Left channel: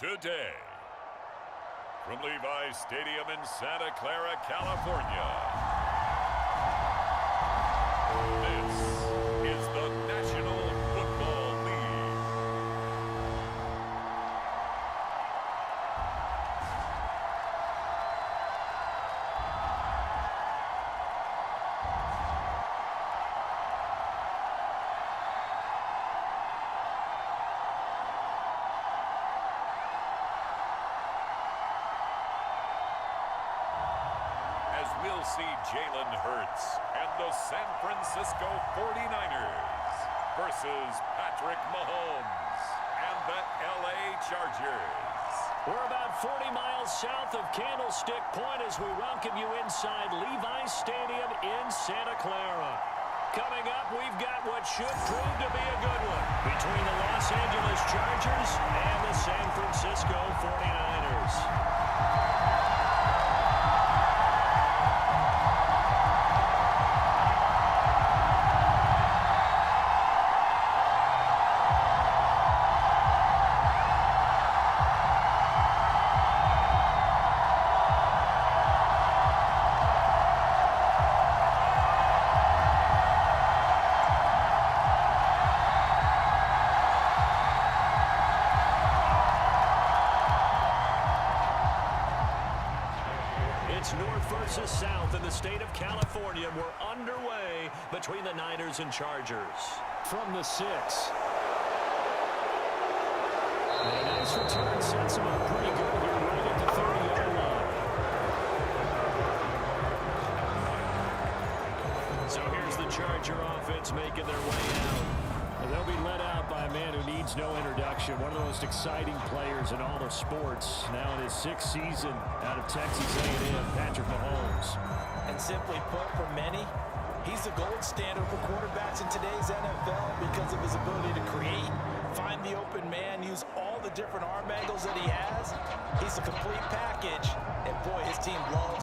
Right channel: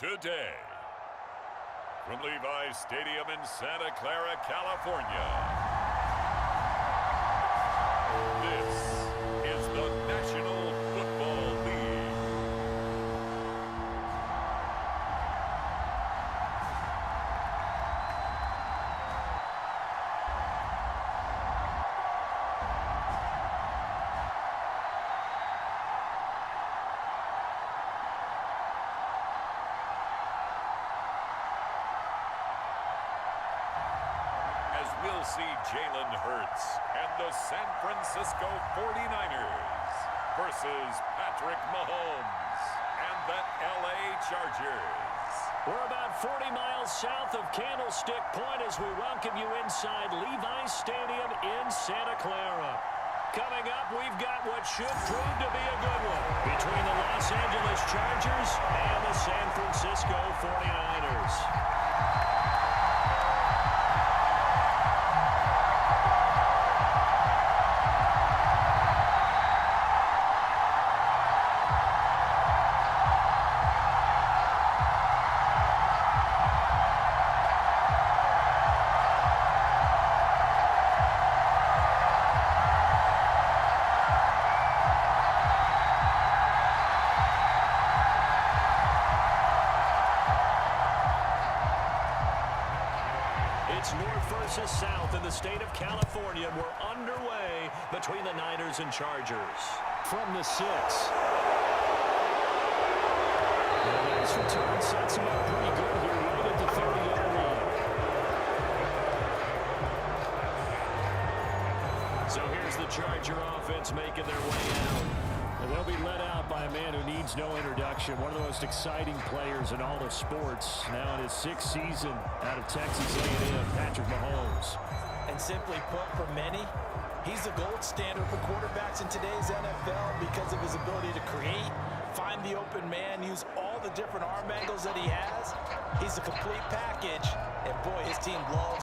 today. From Levi Stadium in Santa Clara, California, this is the National Football League. As we'll see Jalen Hurts and the San Francisco 49ers versus Patrick Mahomes and the LA Chargers. We're about 40 miles south of Candlestick Point as we welcome you inside Levi Stadium in Santa Clara. Coming up, we've got what should prove to be a good one between the Los Angeles Chargers and the San Francisco 49ers. It's north versus south in the state of California. We're underway between the Niners and Chargers. From the 6. And a nice return sets him up pretty good here right at the 30-yard line. So here's the Charger offense making their way out. And they'll be led out by a man who needs no introduction. One of the most exciting players in all of sports. Now in his 6th season out of Texas A&M, Patrick Mahomes. And simply put, for many, he's the gold standard for quarterbacks in today's NFL because of his ability to create, find the open man, use all the different arm angles that he has. He's a complete package, and boy, his team loves.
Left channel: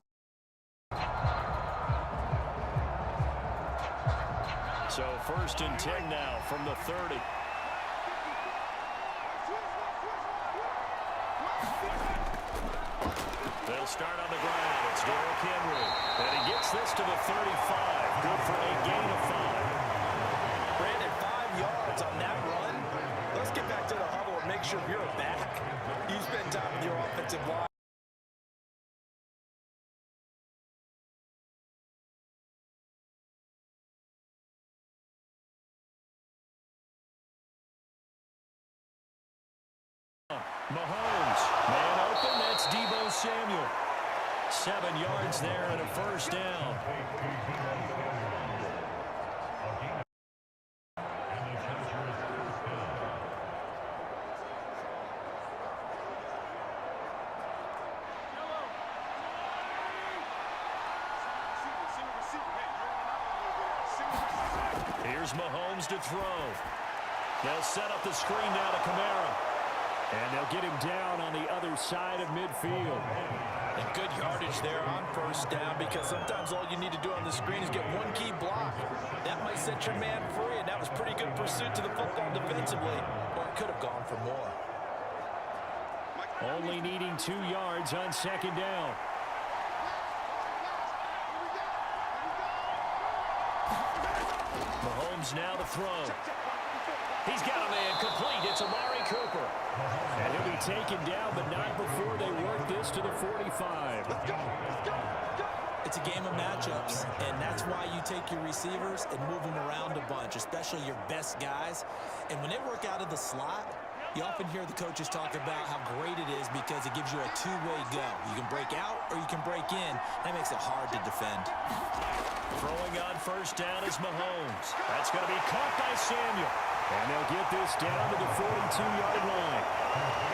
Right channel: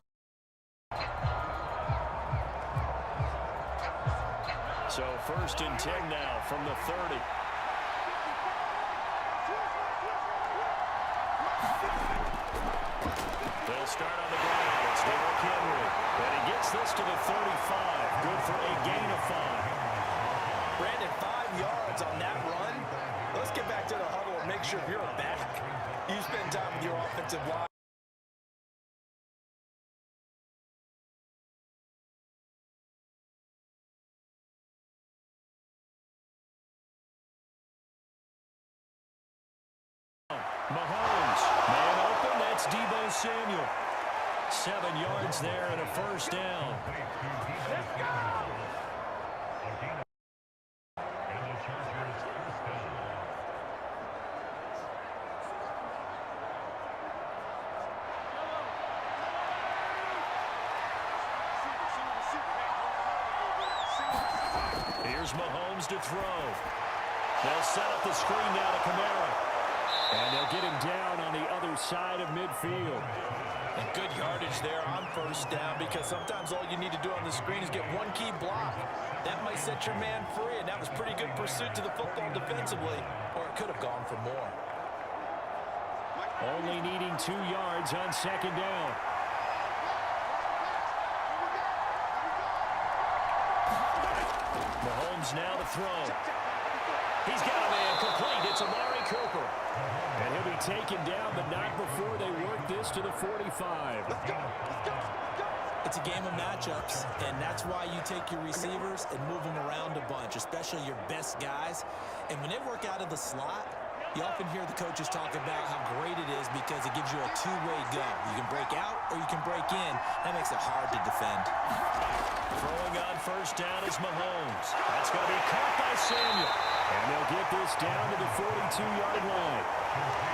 So 1st and 10 now from the 30. They'll start on the ground. It's Derrick Henry. And he gets this to the 35. Good for a gain of 5. Brandon, 5 yards on that run. Let's get back to the huddle and make sure you're back. You spend time with your offensive line. Mahomes, man open, that's Deebo Samuel. 7 yards there and a 1st down. Here's Mahomes to throw. They'll set up the screen now to Kamara. And they'll get him down on the other side of midfield. And good yardage there on 1st down because sometimes all you need to do on the screen is get one key block. That might set your man free, and that was pretty good pursuit to the football defensively, or it could have gone for more. Only needing 2 yards on 2nd down. Mahomes now to throw. He's got a man complete. It's Amari Cooper. And he'll be taken down, but not before they work this to the 45. Let's go. It's a game of matchups, and that's why you take your receivers and move them around a bunch, especially your best guys. And when they work out of the slot, you often hear the coaches talk about how great it is because it gives you a two-way go. You can break out or you can break in. That makes it hard to defend. Throwing on 1st down is Mahomes. That's going to be caught by Samuel. And they'll get this down to the 42-yard line.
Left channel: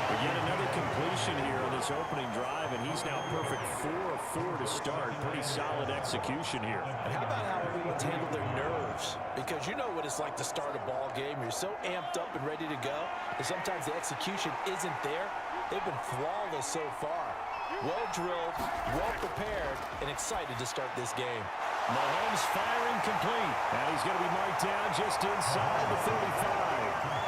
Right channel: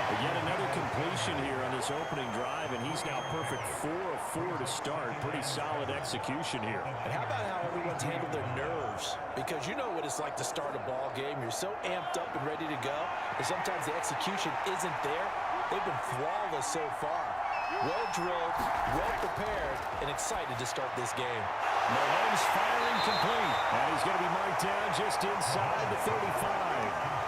But yet another completion here on this opening drive, and he's now perfect 4 of 4 to start. Pretty solid execution here. And how about how everyone's handled their nerves? Because you know what it's like to start a ball game. You're so amped up and ready to go, but sometimes the execution isn't there. They've been flawless so far. Well drilled, well prepared, and excited to start this game. Mahomes firing complete. And he's going to be marked down just inside the 35.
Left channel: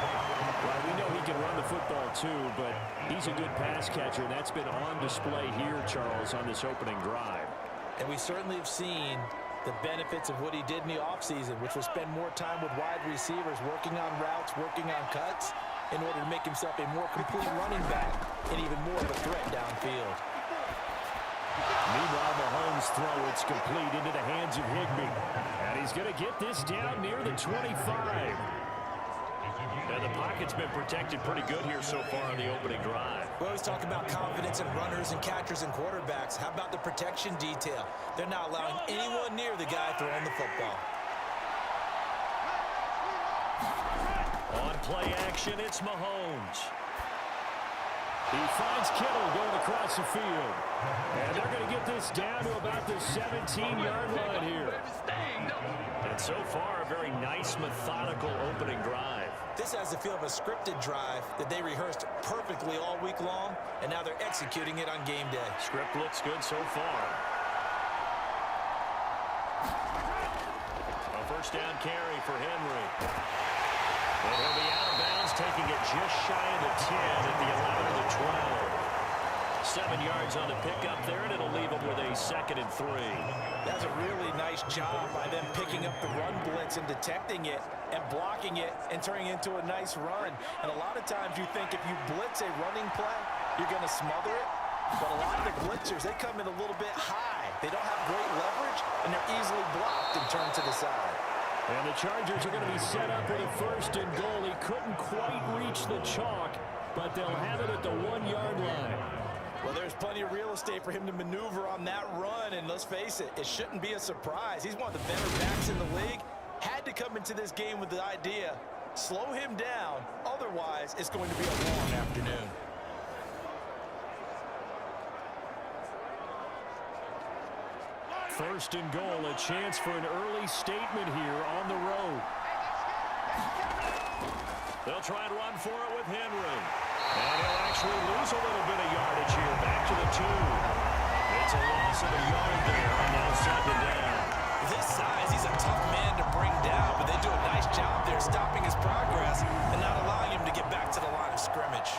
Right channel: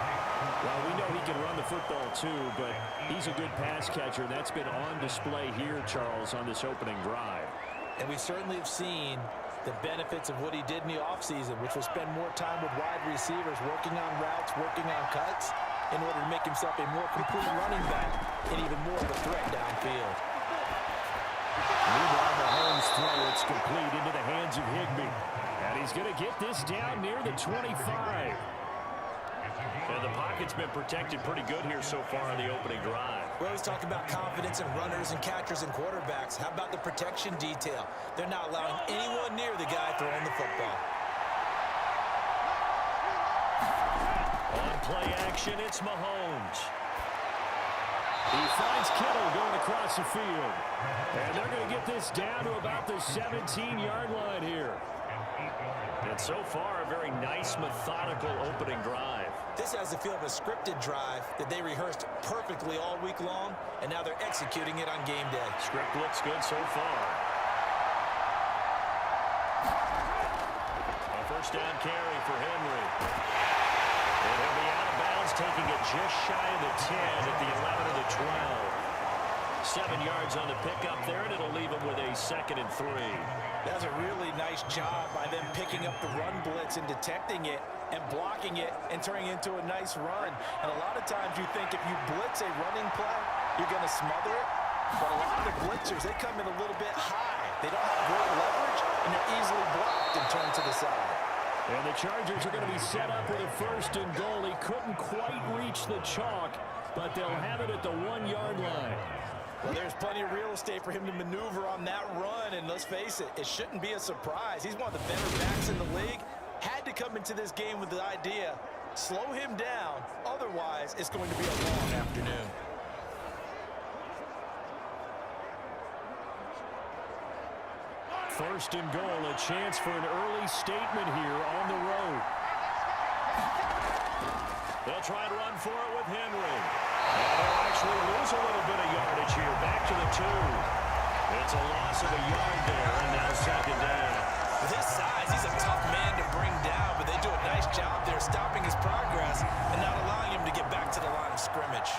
Well, we know he can run the football too, but he's a good pass catcher, and that's been on display here, Charles, on this opening drive. And we certainly have seen the benefits of what he did in the offseason, which was spend more time with wide receivers, working on routes, working on cuts, in order to make himself a more complete running back and even more of a threat downfield. Meanwhile, Mahomes' throw, it's complete into the hands of Higbee. And he's going to get this down near the 25. And the pocket's been protected pretty good here so far on the opening drive. We always talk about confidence in runners and catchers and quarterbacks. How about the protection detail? They're not allowing anyone near the guy throwing the football. On play action, it's Mahomes. He finds Kittle going across the field. And they're going to get this down to about the 17-yard line here. And so far, a very nice, methodical opening drive. This has the feel of a scripted drive that they rehearsed perfectly all week long, and now they're executing it on game day. Script looks good so far. A first down carry for Henry. And he'll be out of bounds, taking it just shy of the 10 at the 11 or the 12. 7 yards on the pickup there, and it'll leave him with a 2nd and 3. That's a really nice job by them picking up the run blitz and detecting it and blocking it and turning it into a nice run. And a lot of times you think if you blitz a running play, you're going to smother it. But a lot of the blitzers, they come in a little bit high. They don't have great leverage, and they're easily blocked and turned to the side. And the Chargers are going to be set up with a 1st and goal. He couldn't quite reach the chalk, but they'll have it at the 1-yard line. Well, there's plenty of real estate for him to maneuver on that run, and let's face it, it shouldn't be a surprise. He's one of the better backs in the league. Had to come into this game with the idea, slow him down, otherwise it's going to be a long afternoon. First and goal, a chance for an early statement here on the road. They'll try and run for it with Henry. And he'll actually lose a little bit of yardage here. Back to the 2. It's a loss of a yard there, and now 2nd down. With his size, he's a tough man to bring down, but they do a nice job there stopping his progress and not allowing him to get back to the line of scrimmage.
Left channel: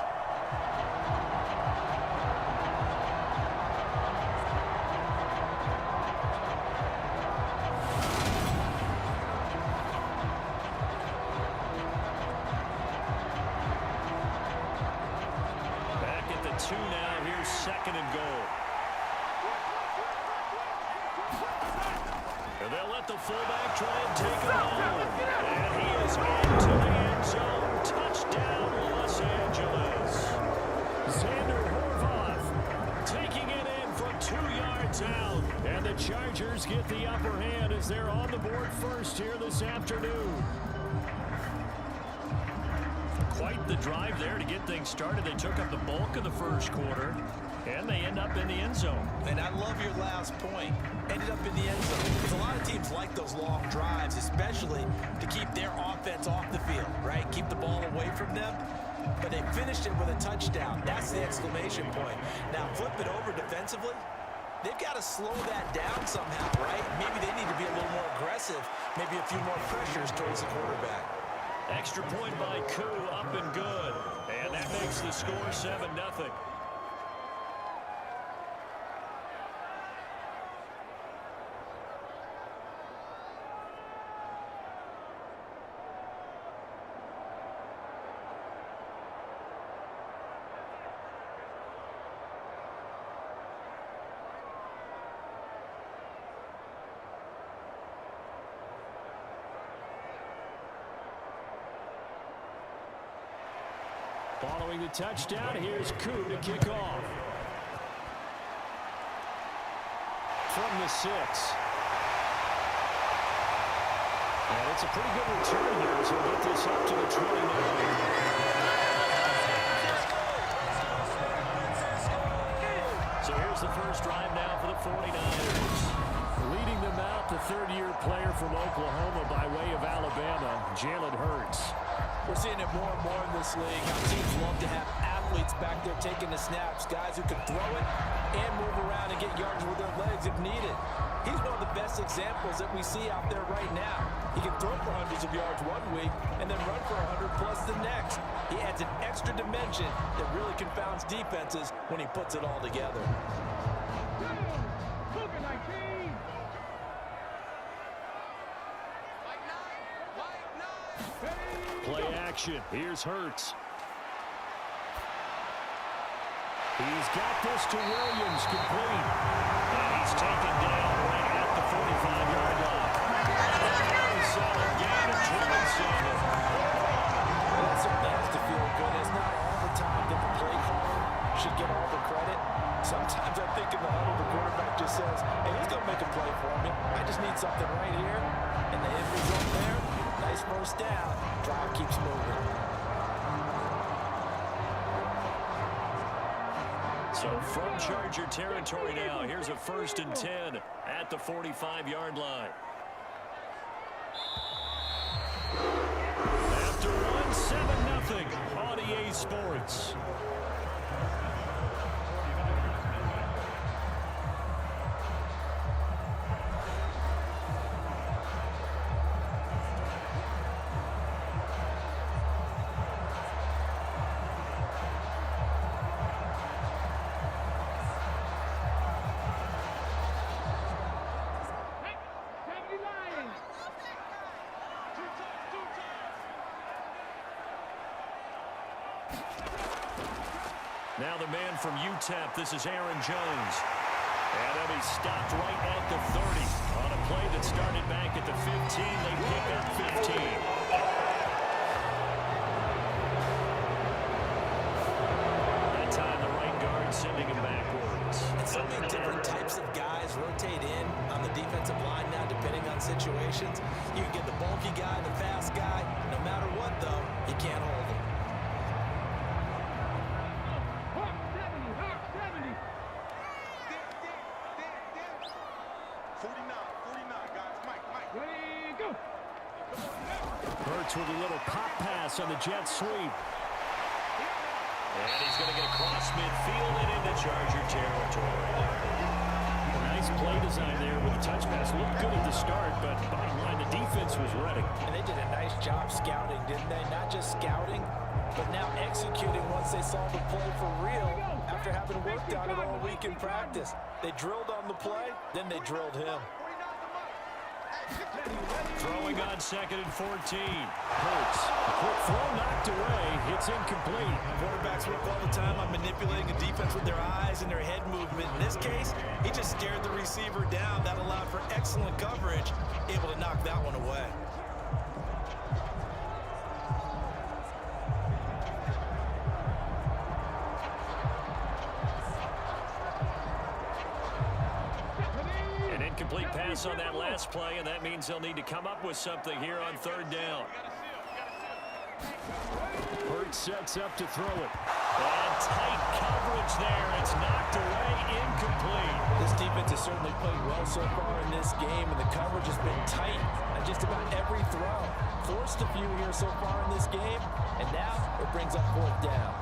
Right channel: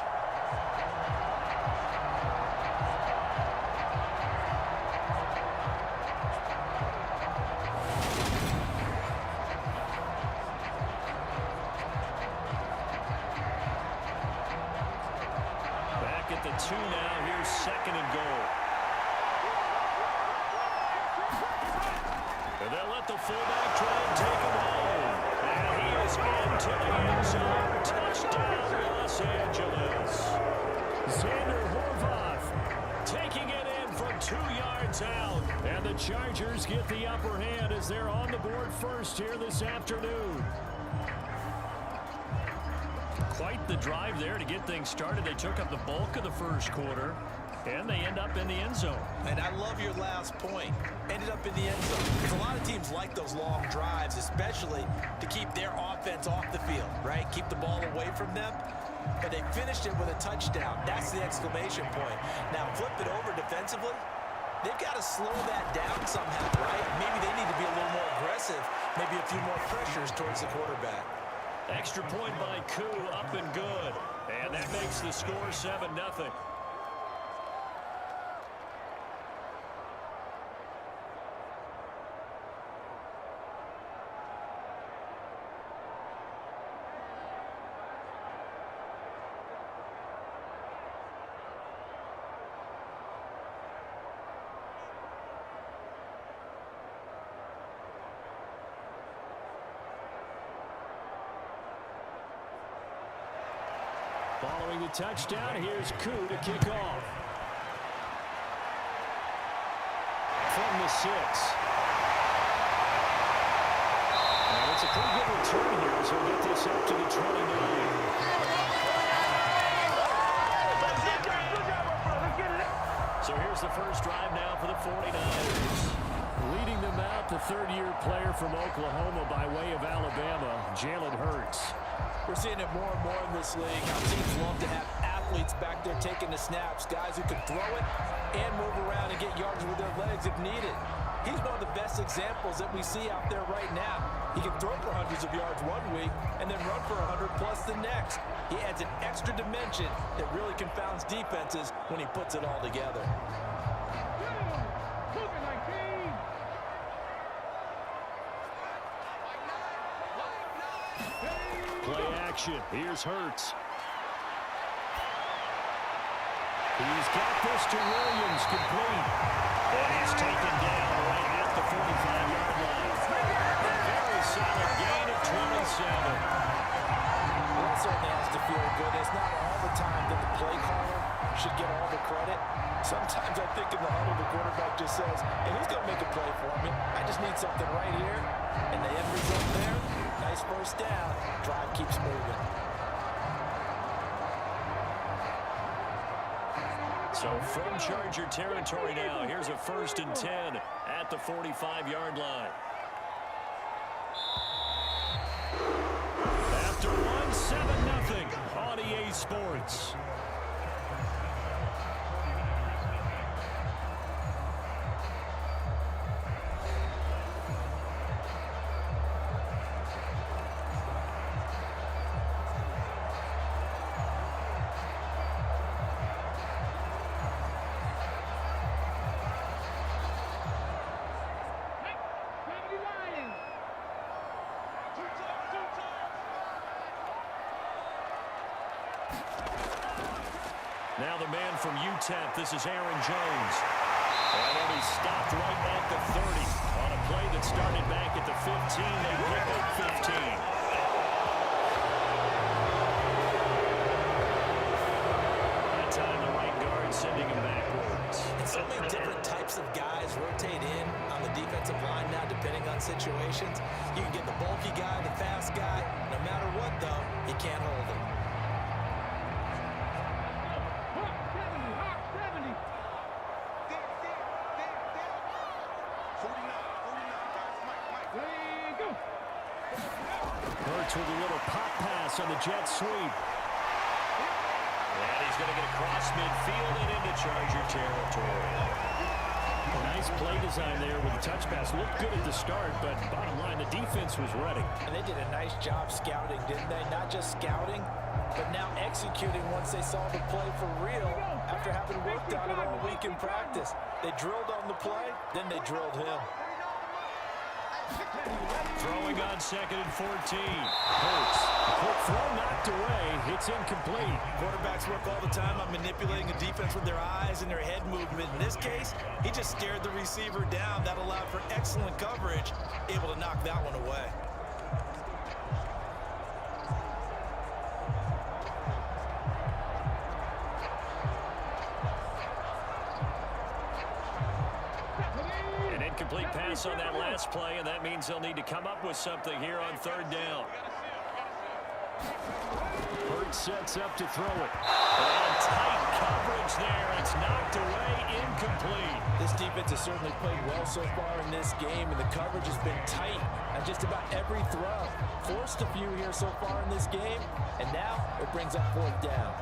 The 2 now. Here's 2nd and goal. And they'll let the fullback try and take him home. And he is into the end zone. Touchdown, Los Angeles. Xander Horvath Taking it in from 2 yards out. And the Chargers get the upper hand as they're on the board first here this afternoon. Quite the drive there to get things started. They took up the bulk of the first quarter, and they end up in the end zone. And I love your last point. Ended up in the end zone. Because a lot of teams like those long drives, especially to keep their offense off the field, right? Keep the ball away from them. But they finished it with a touchdown. That's the exclamation point. Now, flip it over defensively. They've got to slow that down somehow, right? Maybe they need to be a little more aggressive. Maybe a few more pressures towards the quarterback. Extra point by Koo, up and good. And that makes the score 7-0. Following the touchdown, here's Koo to kick off. From the 6. And it's a pretty good return here as he'll get this up to the 29. So here's the first drive now for the 49ers. Leading them out, the third-year player from Oklahoma by way of Alabama, Jalen Hurts. We're seeing it more and more in this league, how teams love to have athletes back there taking the snaps, guys who can throw it and move around and get yards with their legs if needed. He's one of the best examples that we see out there right now. He can throw for hundreds of yards one week and then run for 100 plus the next. He adds an extra dimension that really confounds defenses when he puts it all together. Play action. Here's Hurts. He's got this to Williams, complete. And he's taken down right at the 45-yard line. A very solid gain of 27. Well, that certainly has to feel good. It's not all the time that the play caller should get all the credit. Sometimes I think in the huddle, the quarterback just says, hey, who's going to make a play for me? I just need something right here. And the end result there, nice first down. Drive keeps moving. So from Charger territory now, here's a 1st and 10 at the 45-yard line. After one, 7-0 on EA Sports. Now the man from UTEP, this is Aaron Jones. And he'll be stopped right at the 30. On a play that started back at the 15, they pick up 15. That time the right guard sending him backwards. And so many different types of guys rotate in on the defensive line now, depending on situations. You can get the bulky guy, the fast guy. No matter what, though, you can't hold him. Hurts with a little pop pass on the jet sweep. And he's going to get across midfield and into Charger territory. A nice play design there with the touch pass. Looked good at the start, but bottom line, the defense was ready. And they did a nice job scouting, didn't they? Not just scouting, but now executing once they saw the play for real after having worked on it all week in practice. They drilled on the play, then they drilled him. Throwing on 2nd and 14. Hurts. A quick throw knocked away. It's incomplete. Quarterbacks work all the time on manipulating a defense with their eyes and their head movement. In this case, he just stared the receiver down. That allowed for excellent coverage, able to knock that one away. Complete pass on that last play, and that means they'll need to come up with something here on 3rd down. Hurts sets up to throw it. And tight coverage there. It's knocked away, incomplete. This defense has certainly played well so far in this game, and the coverage has been tight on just about every throw. Forced a few here so far in this game, and now it brings up 4th down.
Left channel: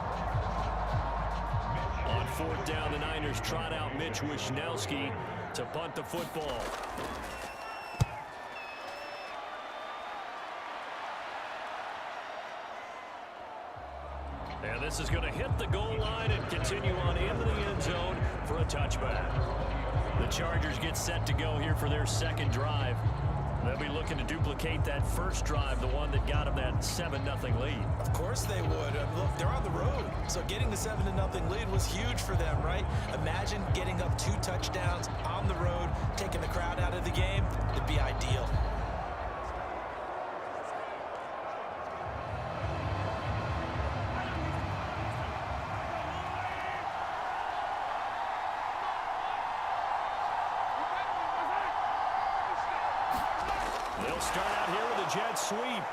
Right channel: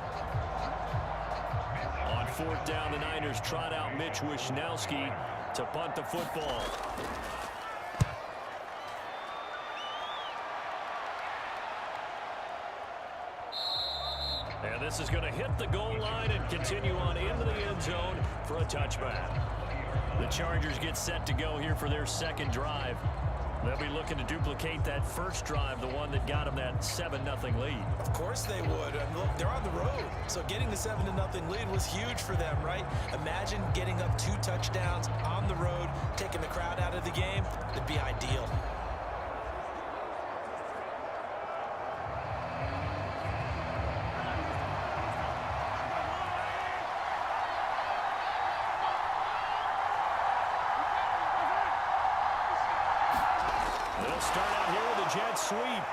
On 4th down, the Niners trot out Mitch Wishnowski to punt the football. And this is going to hit the goal line and continue on into the end zone for a touchback. The Chargers get set to go here for their 2nd drive. They'll be looking to duplicate that first drive, the one that got them that 7-0 lead. Of course they would. Look, they're on the road, so getting the 7-0 lead was huge for them, right? Imagine getting up 2 touchdowns on the road, taking the crowd out of the game. It'd be ideal. They'll start out here with a jet sweep.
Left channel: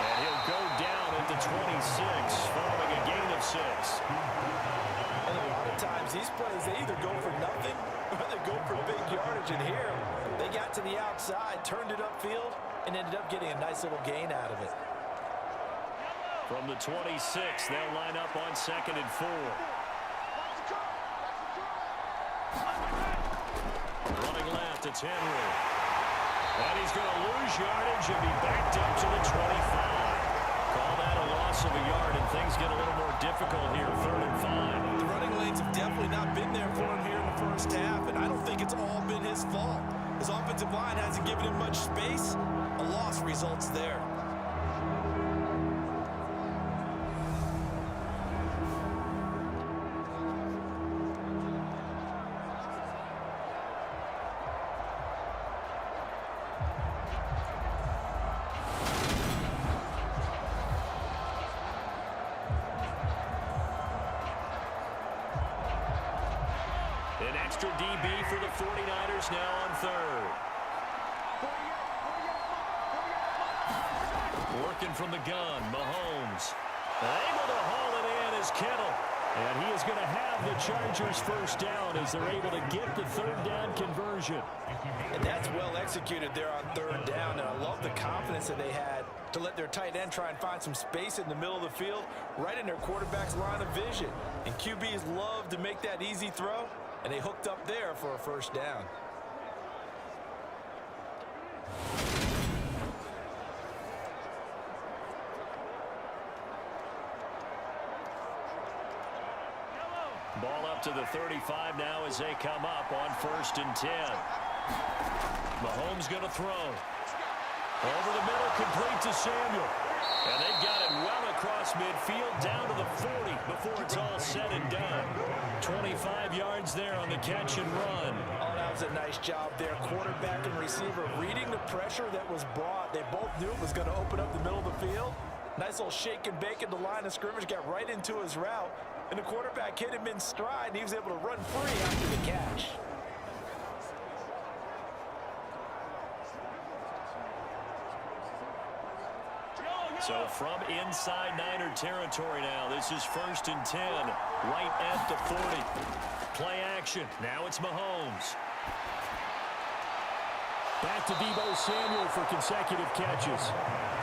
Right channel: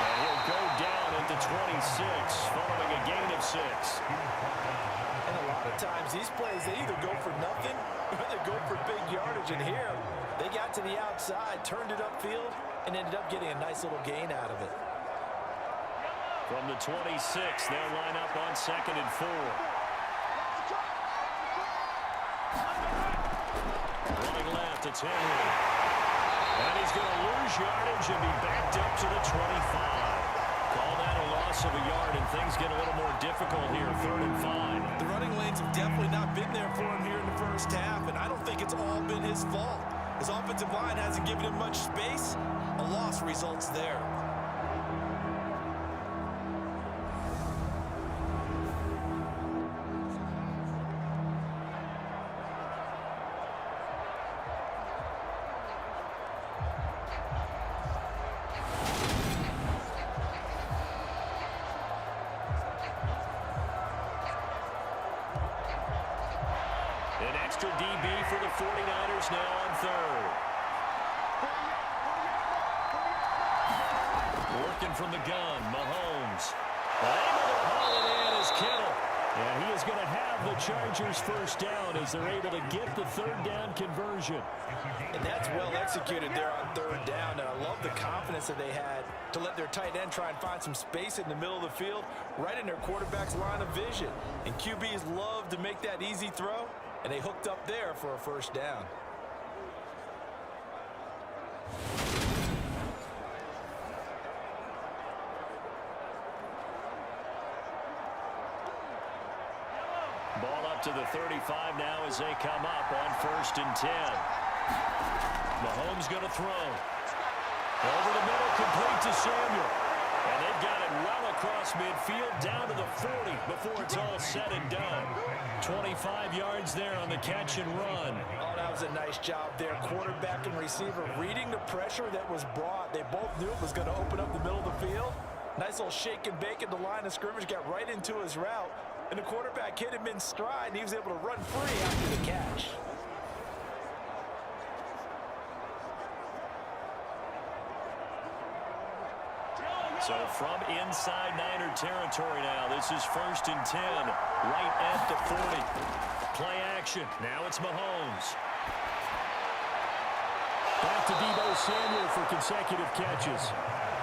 And he'll go down at the 26, following a gain of 6. And a lot of times, these plays, they either go for nothing or they go for big yardage. And here, they got to the outside, turned it upfield, and ended up getting a nice little gain out of it. From the 26, they'll line up on 2nd and 4. Running left, it's Henry. And he's going to lose yardage and be backed up to the 25. Call that a loss of a yard, and things get a little more difficult here, 3rd and 5. The running lanes have definitely not been there for him here in the first half, and I don't think it's all been his fault. His offensive line hasn't given him much space. A loss results there. An extra DB for the 49ers now on 3rd. Working from the gun, Mahomes. Able to haul it in is Kittle. And he is going to have the Chargers first down as they're able to get the 3rd down conversion. And that's well executed there on 3rd down, and I love the confidence that they had to let their tight end try and find some space in the middle of the field, right in their quarterback's line of vision. And QBs love to make that easy throw, and they hooked up there for a first down. Ball up to the 35 now as they come up on 1st and 10. Mahomes going to throw. Over the middle, complete to Samuel. And they've got it well across midfield, down to the 40 before it's all said and done. 25 yards there on the catch and run. Oh, that was a nice job there. Quarterback and receiver reading the pressure that was brought. They both knew it was going to open up the middle of the field. Nice little shake and bake at the line of scrimmage, got right into his route. And the quarterback hit him in stride, and he was able to run free after the catch. So from inside Niner territory now, this is 1st and 10, right at the 40. Play action. Now it's Mahomes. Back to Deebo Samuel for consecutive catches.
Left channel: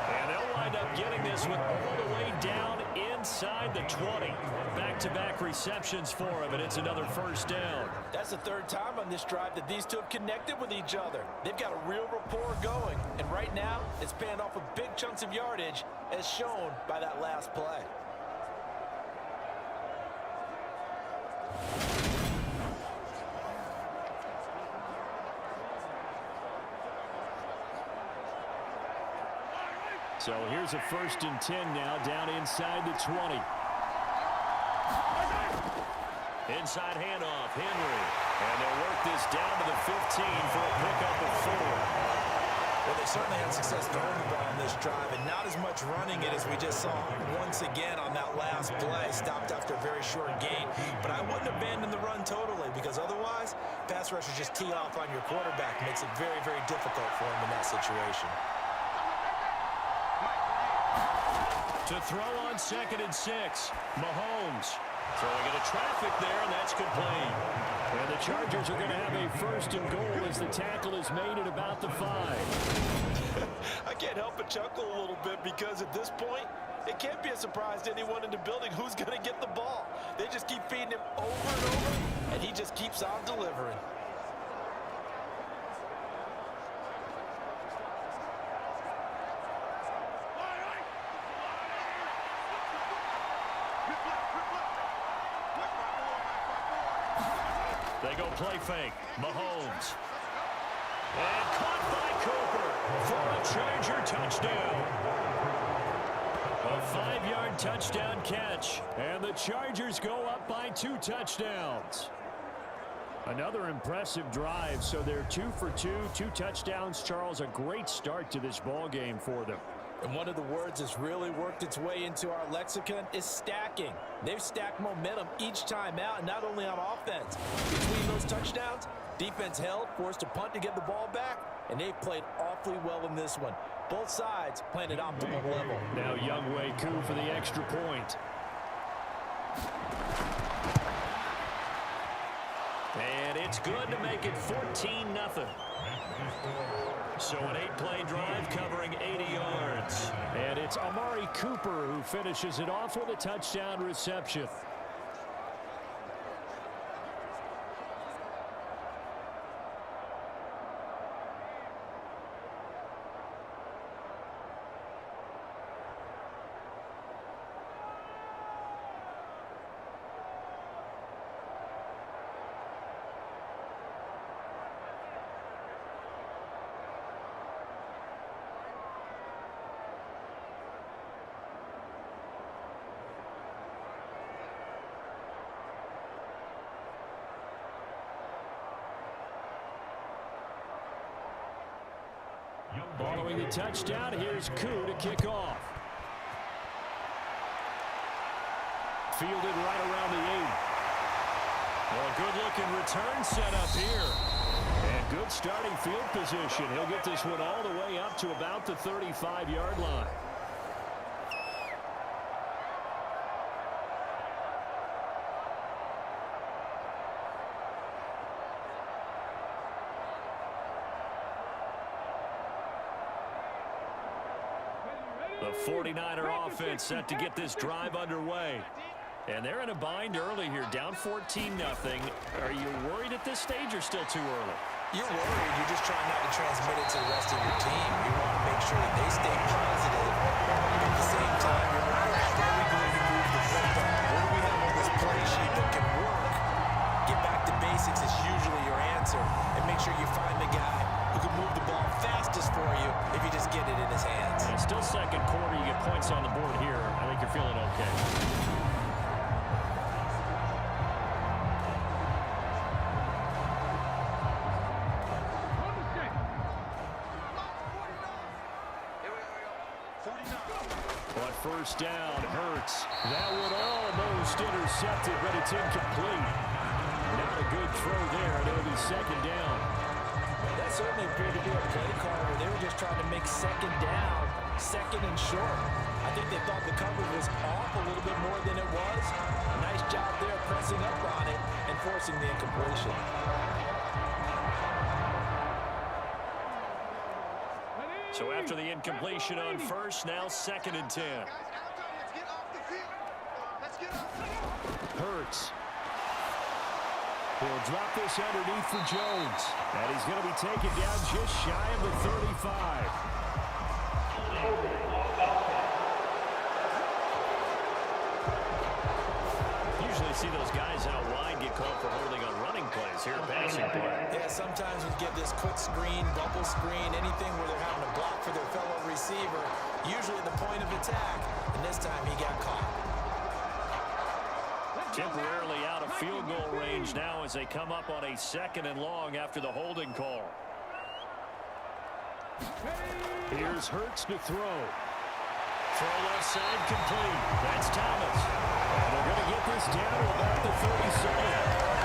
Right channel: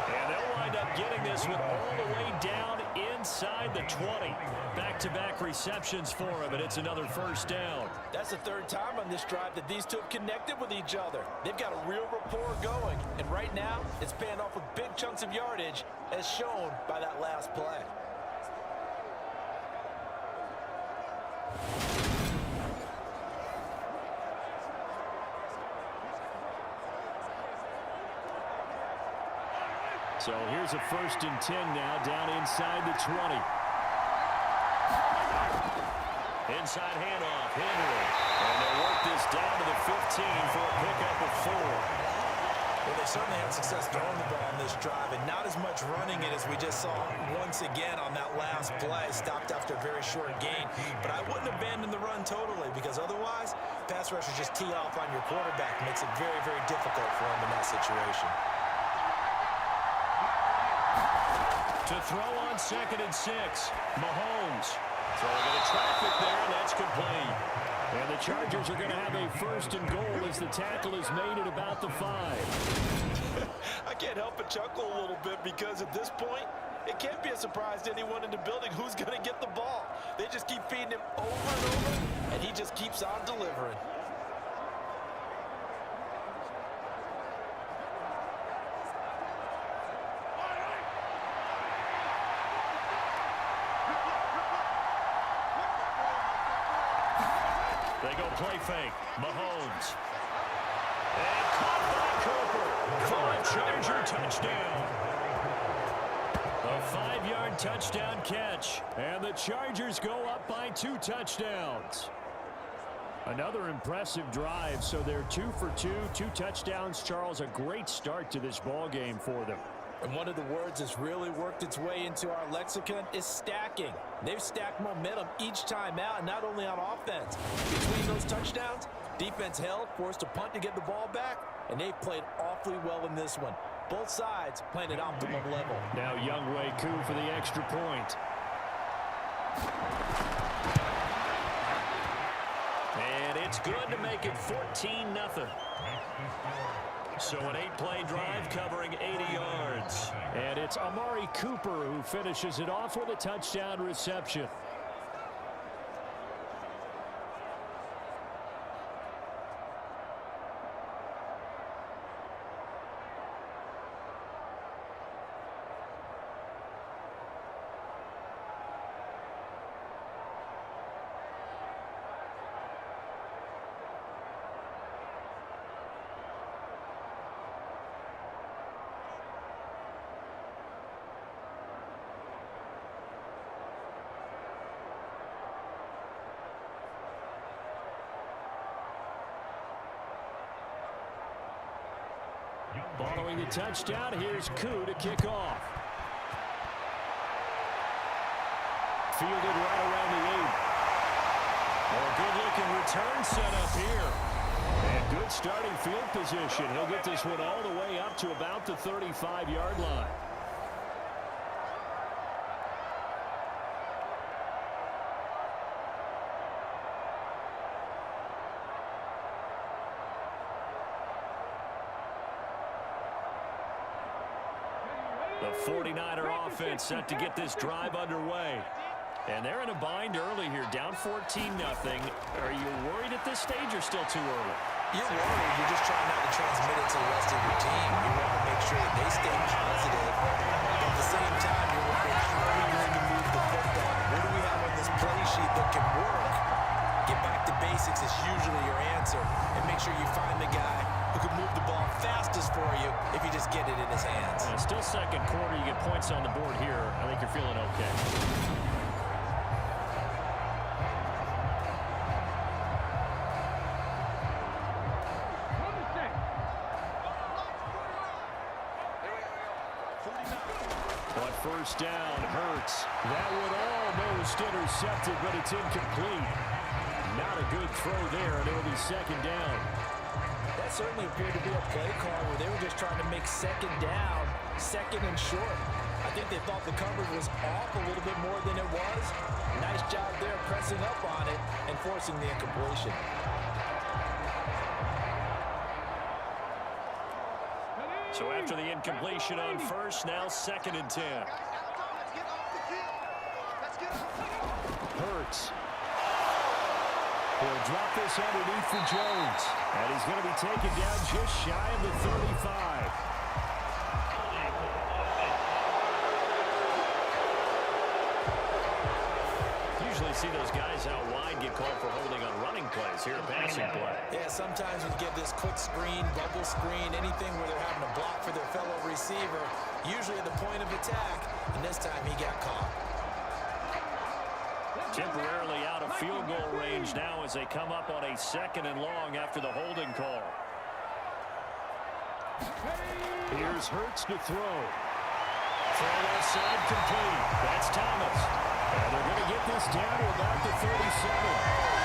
And they'll wind up getting this one all the way down inside the 20. Back-to-back receptions for him, and it's another first down. That's the 3rd time on this drive that these two have connected with each other. They've got a real rapport going, and right now it's paying off with big chunks of yardage as shown by that last play. So here's a 1st and 10 now, down inside the 20. Inside handoff, Henry. And they'll work this down to the 15 for a pickup of 4. Well, they certainly had success throwing the ball on this drive, and not as much running it as we just saw once again on that last play. Stopped after a very short gain. But I wouldn't abandon the run totally, because otherwise, pass rushers just tee off on your quarterback. Makes it very, very difficult for him in that situation. To throw on 2nd and 6, Mahomes. Throwing into traffic there, and that's complete. And the Chargers are going to have a 1st and goal as the tackle is made at about the 5. I can't help but chuckle a little bit because at this point, it can't be a surprise to anyone in the building who's going to get the ball. They just keep feeding him over and over, and he just keeps on delivering. They go play fake. Mahomes. And caught by Cooper for a Charger touchdown. A 5-yard touchdown catch. And the Chargers go up by 2 touchdowns. Another impressive drive, so they're 2 for 2, 2 touchdowns. Charles, a great start to this ball game for them. And one of the words that's really worked its way into our lexicon is stacking. They've stacked momentum each time out, and not only on offense. Between those touchdowns, defense held, forced a punt to get the ball back, and they've played awfully well in this one. Both sides playing at optimum level. Now Younghoe Koo for the extra point. And it's good to make it 14-0. So an 8-play drive covering 80 yards. And it's Amari Cooper who finishes it off with a touchdown reception. Following the touchdown, here's Koo to kick off. Fielded right around the 8. Well, a good-looking return set up here. And good starting field position. He'll get this one all the way up to about the 35-yard line. The 49er offense set to get this drive underway. And they're in a bind early here, down 14-0. Are you worried at this stage or still too early? You're worried. You're just trying not to transmit it to the rest of your team. You want to make sure that they stay positive. But at the same time, you're wondering, how are we going to move the football? What do we have on this play sheet that can work? Get back to basics is usually your answer. And make sure you find the guy who can move the ball fastest for you if you just get it in his hands. Yeah, still second quarter. You get points on the board here. I think you're feeling okay. But first down, Hurts. That one almost intercepted, but it's incomplete. Not a good throw there, and it'll be second down. That certainly appeared to be a play call where they were just trying to make second down, second and short. I think they thought the coverage was off a little bit more than it was. Nice job there pressing up on it and forcing the incompletion. So after the incompletion on first, now second and 10. Hurts. He'll drop this underneath for Jones. And he's going to be taken down just shy of the 35. Usually see those guys out wide get called for holding on running plays here, passing play. Yeah, sometimes when you get this quick screen, bubble screen, anything where they're having to block for their fellow receiver, usually at the point of attack, and this time he got caught. Temporarily out of field goal range now as they come up on a second and long after the holding call. Here's Hurts to throw. Throw left side complete. That's Thomas. And they're going to get this down to about the 37.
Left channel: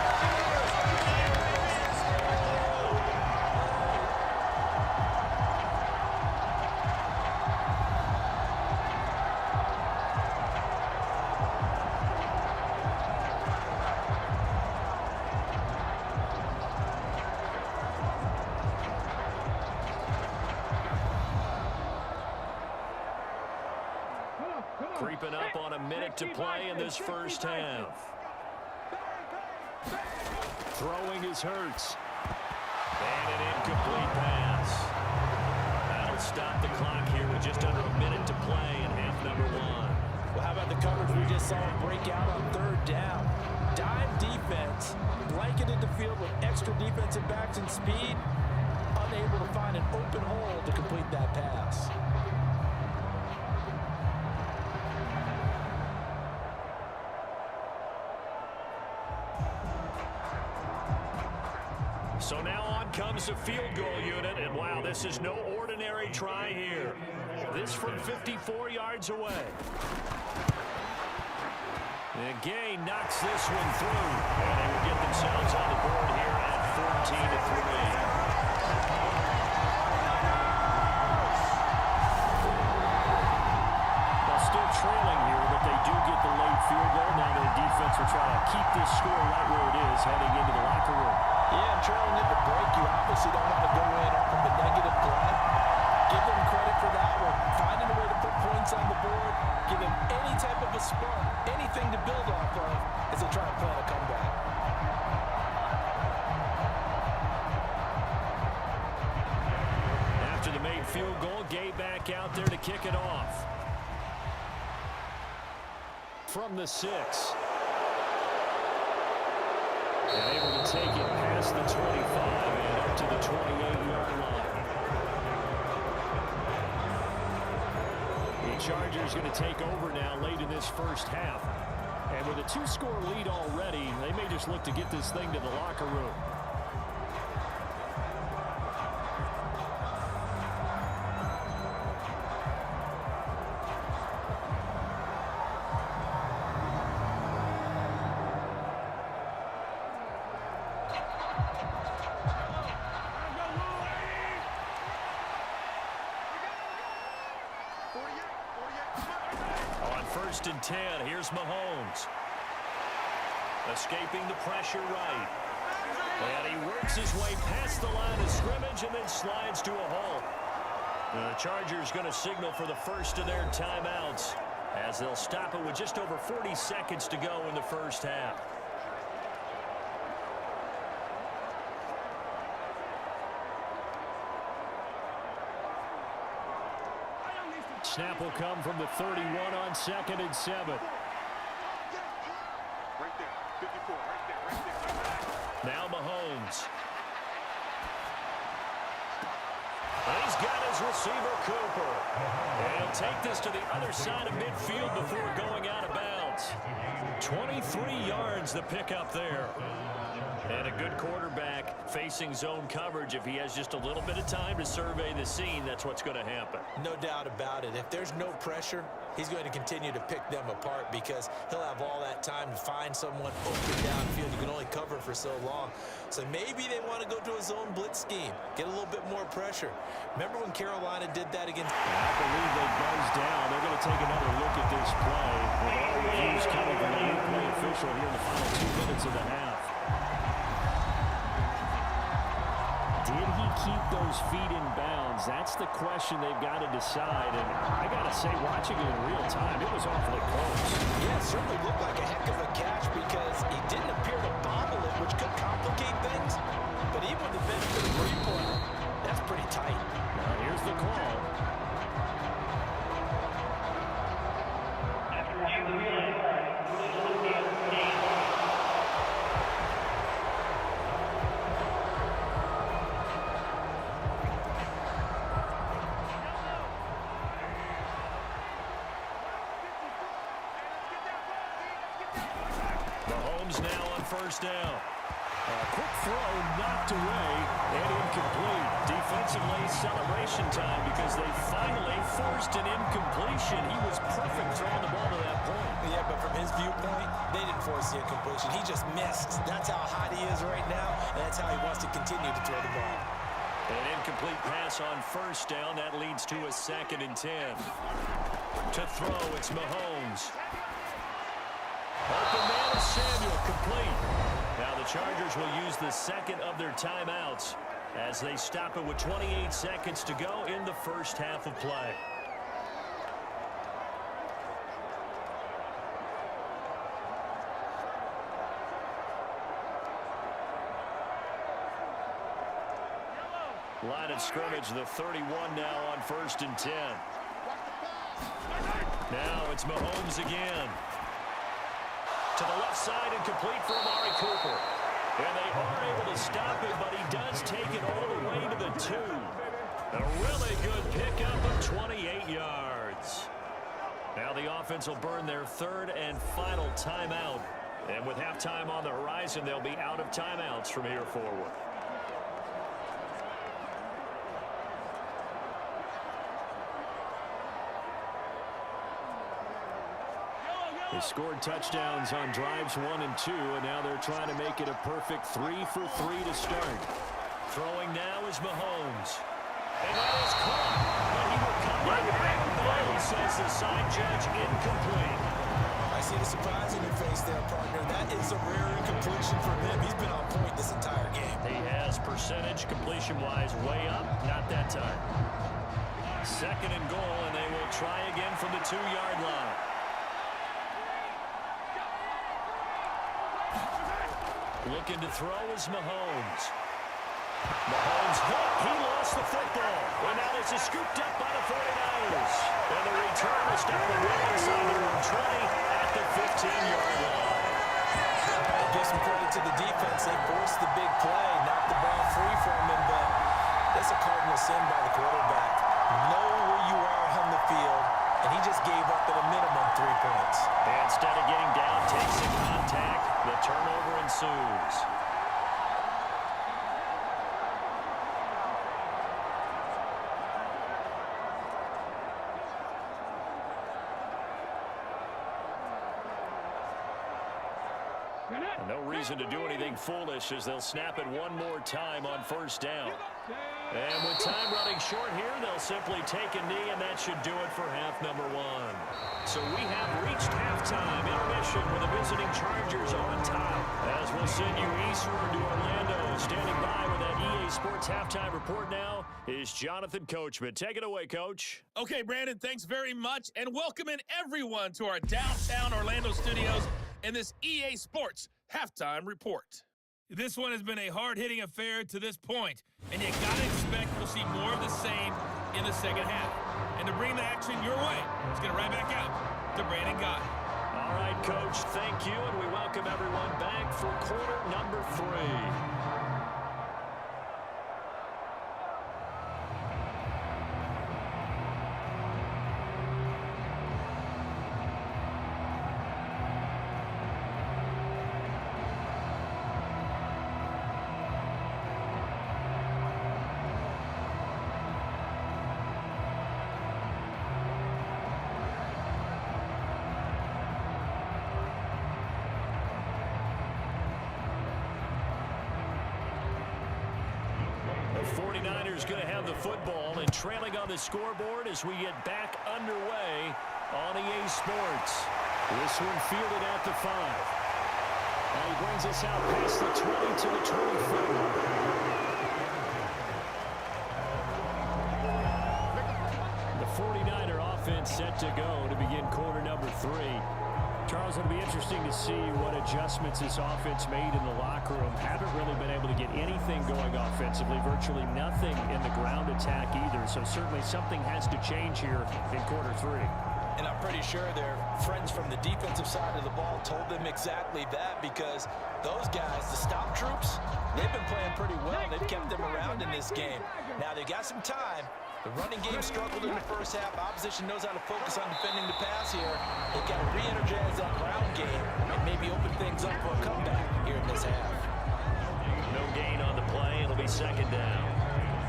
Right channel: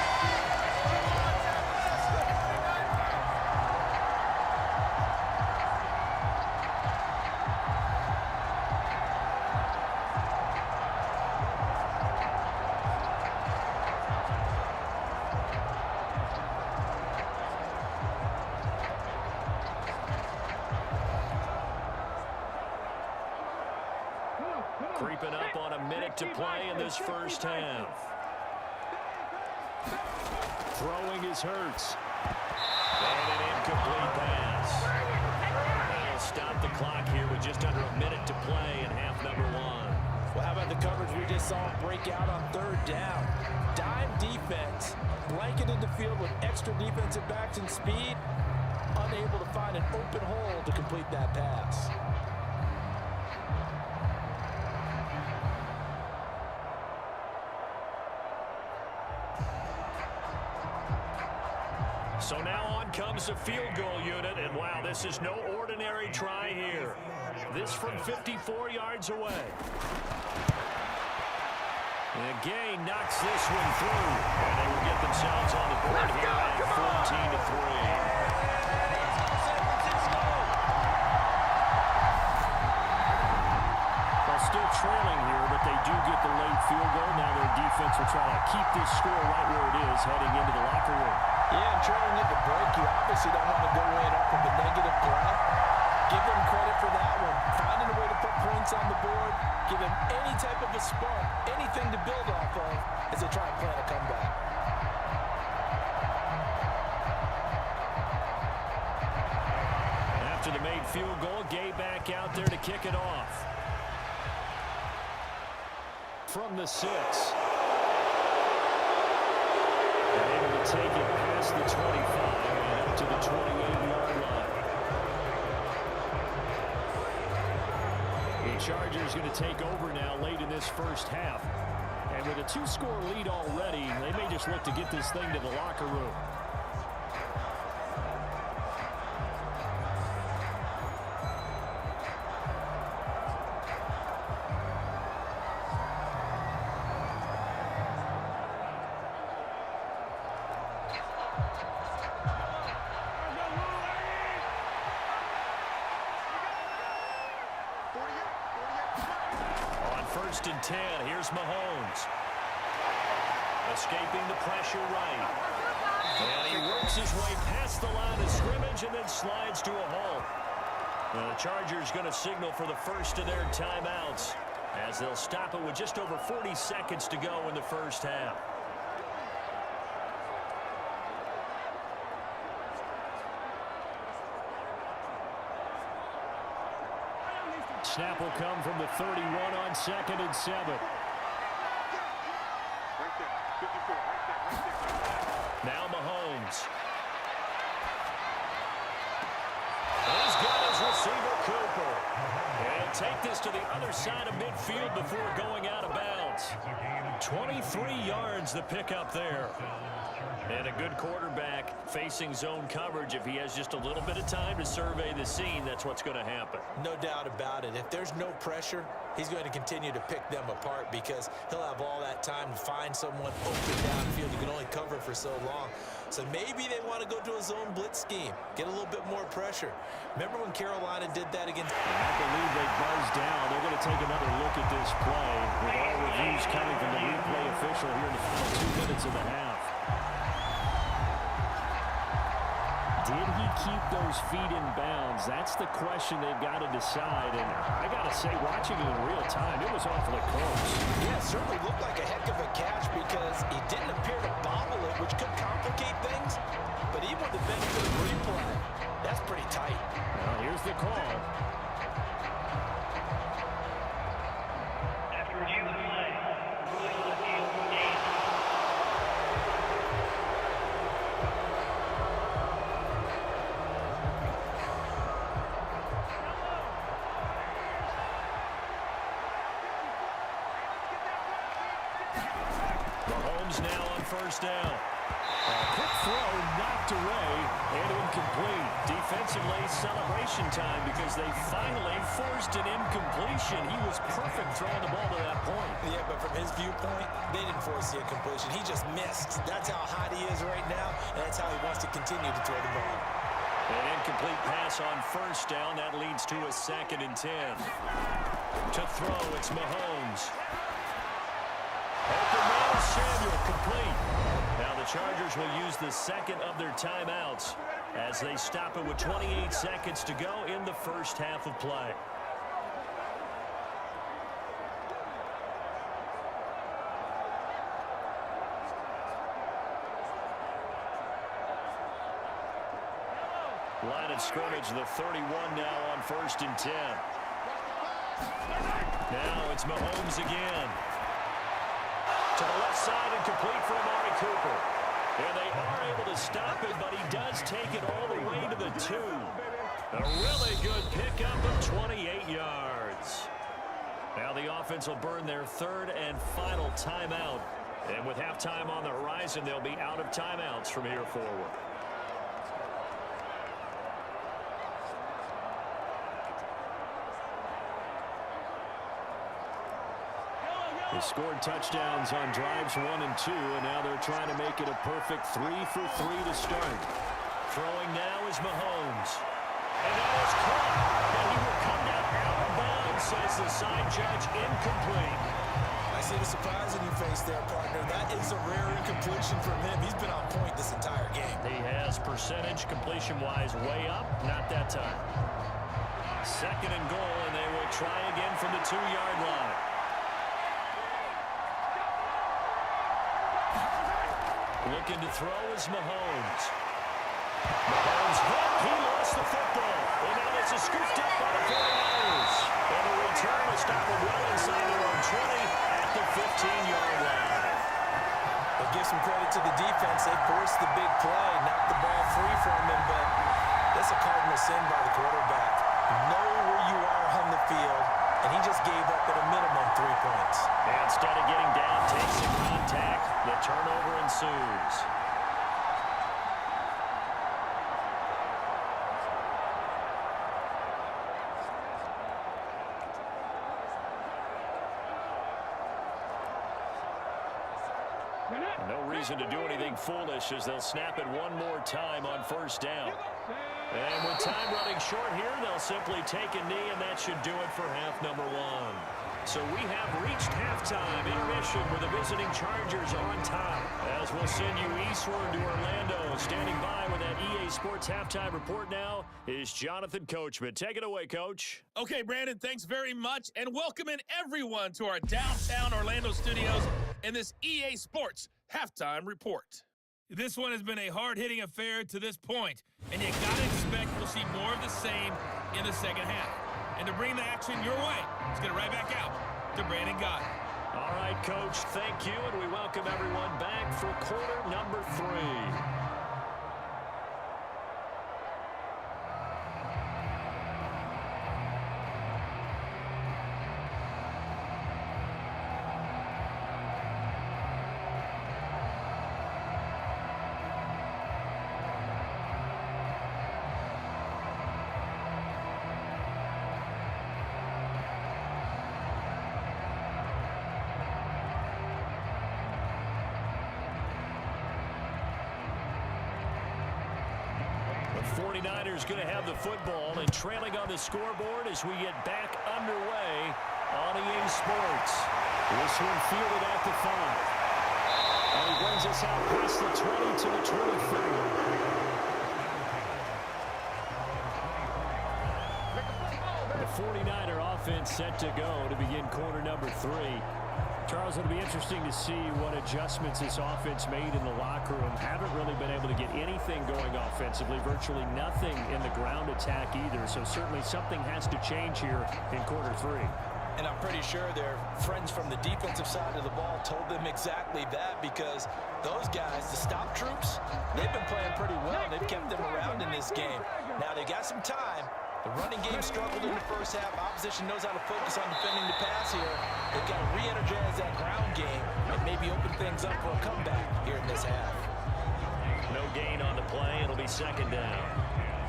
Creeping up on a minute to play in this first half. Throwing is Hurts. And an incomplete pass. That'll stop the clock here with just under a minute to play in half number 1. Well, how about the coverage we just saw him break out on third down? Dime defense, blanketed the field with extra defensive backs and speed, unable to find an open hole to complete that pass. So now on comes the field goal unit, and wow, this is no ordinary try here. This from 54 yards away. And Gay knocks this one through, and they will get themselves on the board here at 14-3. Still trailing here, but they do get the late field goal. Now their defense will try to keep this score right where it is heading into the locker room. Yeah, and trailing at the break, you obviously don't want to go in up from of a negative play. Give them credit for that one. Finding a way to put points on the board, give them any type of a spark, anything to build off of as they try and plan a comeback. After the made field goal, Gay back out there to kick it off. From the 6. And able to take it past the 25 and up to the 28-yard line. The Chargers going to take over now late in this first half. And with a 2-score lead already, they may just look to get this thing to the locker room. On 1st and 10, here's Mahomes. Escaping the pressure right. And he works his way past the line of scrimmage and then slides to a halt. The Chargers going to signal for the first of their timeouts as they'll stop it with just over 40 seconds to go in the first half. Snap will come from the 31 on 2nd and 7. Right there, 54, right there. Now Mahomes. He's got his receiver, Cooper. And he'll take this to the other side of midfield before going out of bounds. 23 yards the pickup there. And a good quarterback facing zone coverage. If he has just a little bit of time to survey the scene, that's what's going to happen. No doubt about it. If there's no pressure, he's going to continue to pick them apart because he'll have all that time to find someone open downfield. You can only cover for so long. So maybe they want to go to a zone blitz scheme, get a little bit more pressure. Remember when Carolina did that against... I believe they buzzed down. They're going to take another look at this play with all reviews coming from the replay official here in the final 2 minutes of the half. Did he keep those feet in bounds? That's the question they've got to decide. And I got to say, watching it in real time, it was awfully close. Yeah, it certainly looked like a heck of a catch because he didn't appear to bobble it, which could complicate things. But even with the benefit of replay, that's pretty tight. Now, here's the call. After review of the play, ruling on the field, game. Mahomes now on 1st down. A quick throw knocked away and incomplete. Defensively, celebration time because they finally forced an incompletion. He was perfect throwing the ball to that point. Yeah, but from his viewpoint, they didn't force the incompletion. He just missed. That's how hot he is right now, and that's how he wants to continue to throw the ball. An incomplete pass on 1st down. That leads to a 2nd and 10. To throw, it's Mahomes. Open man is Samuel, complete. Now the Chargers will use the second of their timeouts as they stop it with 28 seconds to go in the first half of play. Line of scrimmage, the 31 now on 1st and 10. Now it's Mahomes again. To the left side and complete for Amari Cooper. And they are able to stop it, but he does take it all the way to the 2. A really good pickup of 28 yards. Now the offense will burn their 3rd and final timeout. And with halftime on the horizon, they'll be out of timeouts from here forward. They scored touchdowns on drives 1 and 2, and now they're trying to make it a perfect 3 for 3 to start. Throwing now is Mahomes. And that is caught. But he will come down out of bounds, says the side judge, incomplete. I I see the surprise in your face there, partner. That is a rare incompletion from him. He's been on point this entire game. He has percentage completion-wise way up. Not that time. 2nd and goal, and they will try again from the 2-yard line. Looking to throw is Mahomes. Mahomes hit. He lost the football. And now this is scooped up by the 49ers. And the return will stop them well inside their own 20 at the 15-yard line. They give some credit to the defense. They forced the big play, knocked the ball free from him, but that's a cardinal sin by the quarterback. Know where you are on the field, and he just gave up at a minimum 3 points. And instead of getting down, takes the contact. The turnover ensues. No reason to do anything foolish as they'll snap it one more time on 1st down. And with time running short here, they'll simply take a knee, and that should do it for half number 1. So we have reached halftime intermission with the visiting Chargers on top. As we'll send you eastward to Orlando. Standing by with that EA Sports halftime report now is Jonathan Coachman. Take it away, Coach. Okay, Brandon, thanks very much. And welcoming everyone to our downtown Orlando studios in this EA Sports halftime report. This one has been a hard-hitting affair to this point, and you gotta expect we'll see more of the same in the second half. And to bring the action your way, let's get it right back out to Brandon Gott. All right, Coach, thank you, and we welcome everyone back for quarter number 3. The 49ers going to have the football and trailing on the scoreboard as we get back underway on EA Sports. This one fielded at the 5. And he brings us out past the 20 to the 24. The 49er offense set to go to begin quarter number 3. Charles, it'll be interesting to see what adjustments this offense made in the locker room. Haven't really been able to get anything going offensively, virtually nothing in the ground attack either. So certainly something has to change here in quarter 3. And I'm pretty sure their friends from the defensive side of the ball told them exactly that, because those guys, the stop troops, they've been playing pretty well. They've kept them around in this game. Now they've got some time. The running game struggled in the first half. Opposition knows how to focus on defending the pass here. They've got to re-energize that ground game and maybe open things up for a comeback here in this half. No gain on the play. It'll be 2nd down.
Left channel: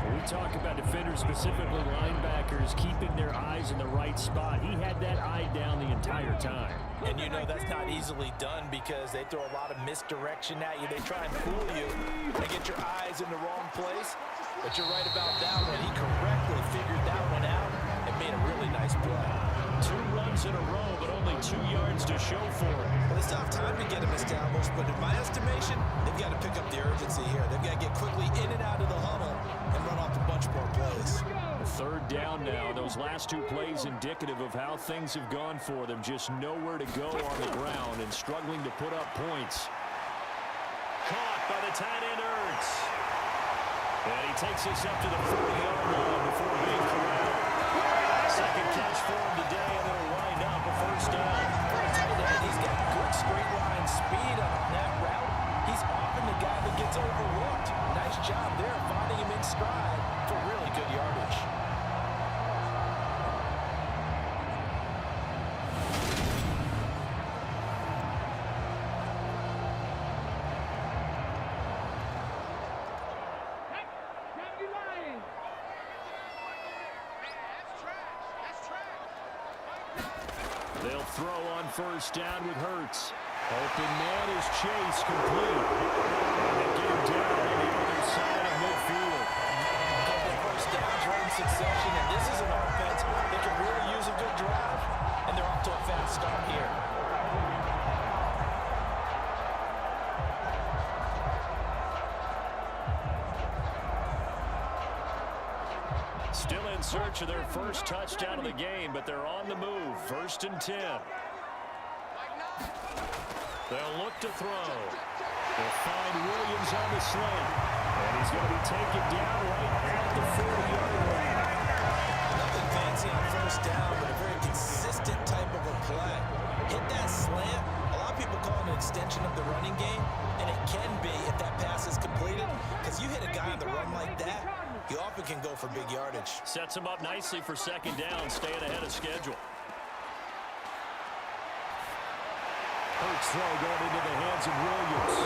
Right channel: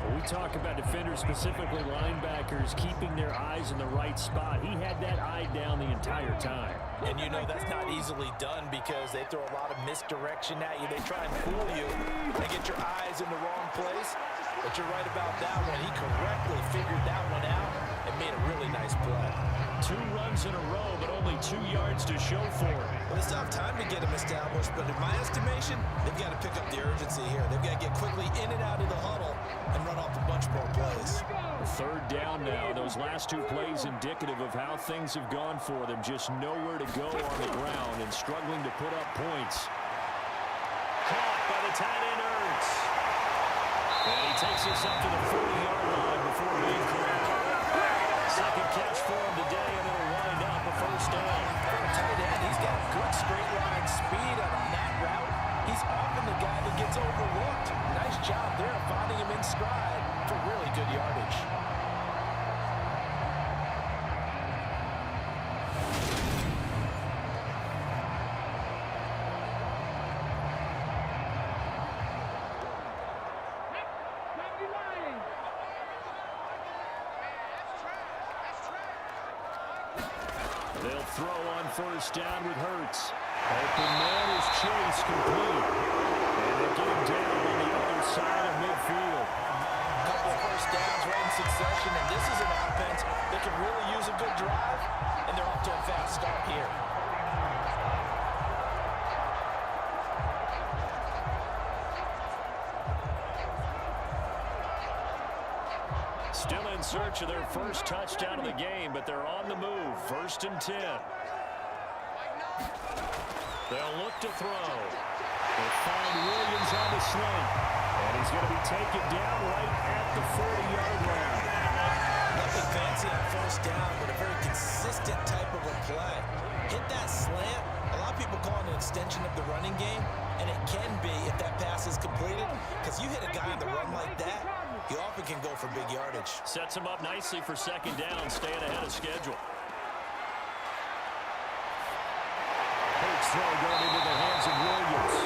When we talk about defenders, specifically linebackers, keeping their eyes in the right spot, he had that eye down the entire time. And you know that's not easily done because they throw a lot of misdirection at you. They try and fool you and get your eyes in the wrong place. But you're right about that one. He correctly figured that one out and made a really nice play. 2 runs in a row, but only 2 yards to show for it. Well, they still have time to get him established, but in my estimation, they've got to pick up the urgency here. They've got to get quickly in and out of the huddle and run off a bunch more plays. 3rd down now. Those last 2 plays indicative of how things have gone for them. Just nowhere to go on the ground and struggling to put up points. Caught by the tight end, Ertz. And he takes us up to the 40-yard line before being corralled. 2nd catch for him today, and it'll wind up a 1st down. For a tight end, he's got good straight line speed on that route. He's often the guy that gets overlooked. Nice job there finding him in stride for really good yardage. They'll throw on 1st down with Hurts. Open man is Chase, complete. And they get him down on the other side of midfield. A couple of 1st downs right in succession, and this is an offense that could really use a good drive, and they're off to a fast start here. Still in search of their first touchdown of the game, but they're on the move. 1st and 10. They'll look to throw. They'll find Williams on the slant. And he's going to be taken down right at the 40-yard line. Nothing fancy on 1st down, but a very consistent type of a play. Hit that slant. A lot of people call it an extension of the running game, and it can be if that pass is completed, because you hit a guy on the run like that, he often can go for big yardage. Sets him up nicely for 2nd down, staying ahead of schedule. Hurts throw going into the hands of Williams.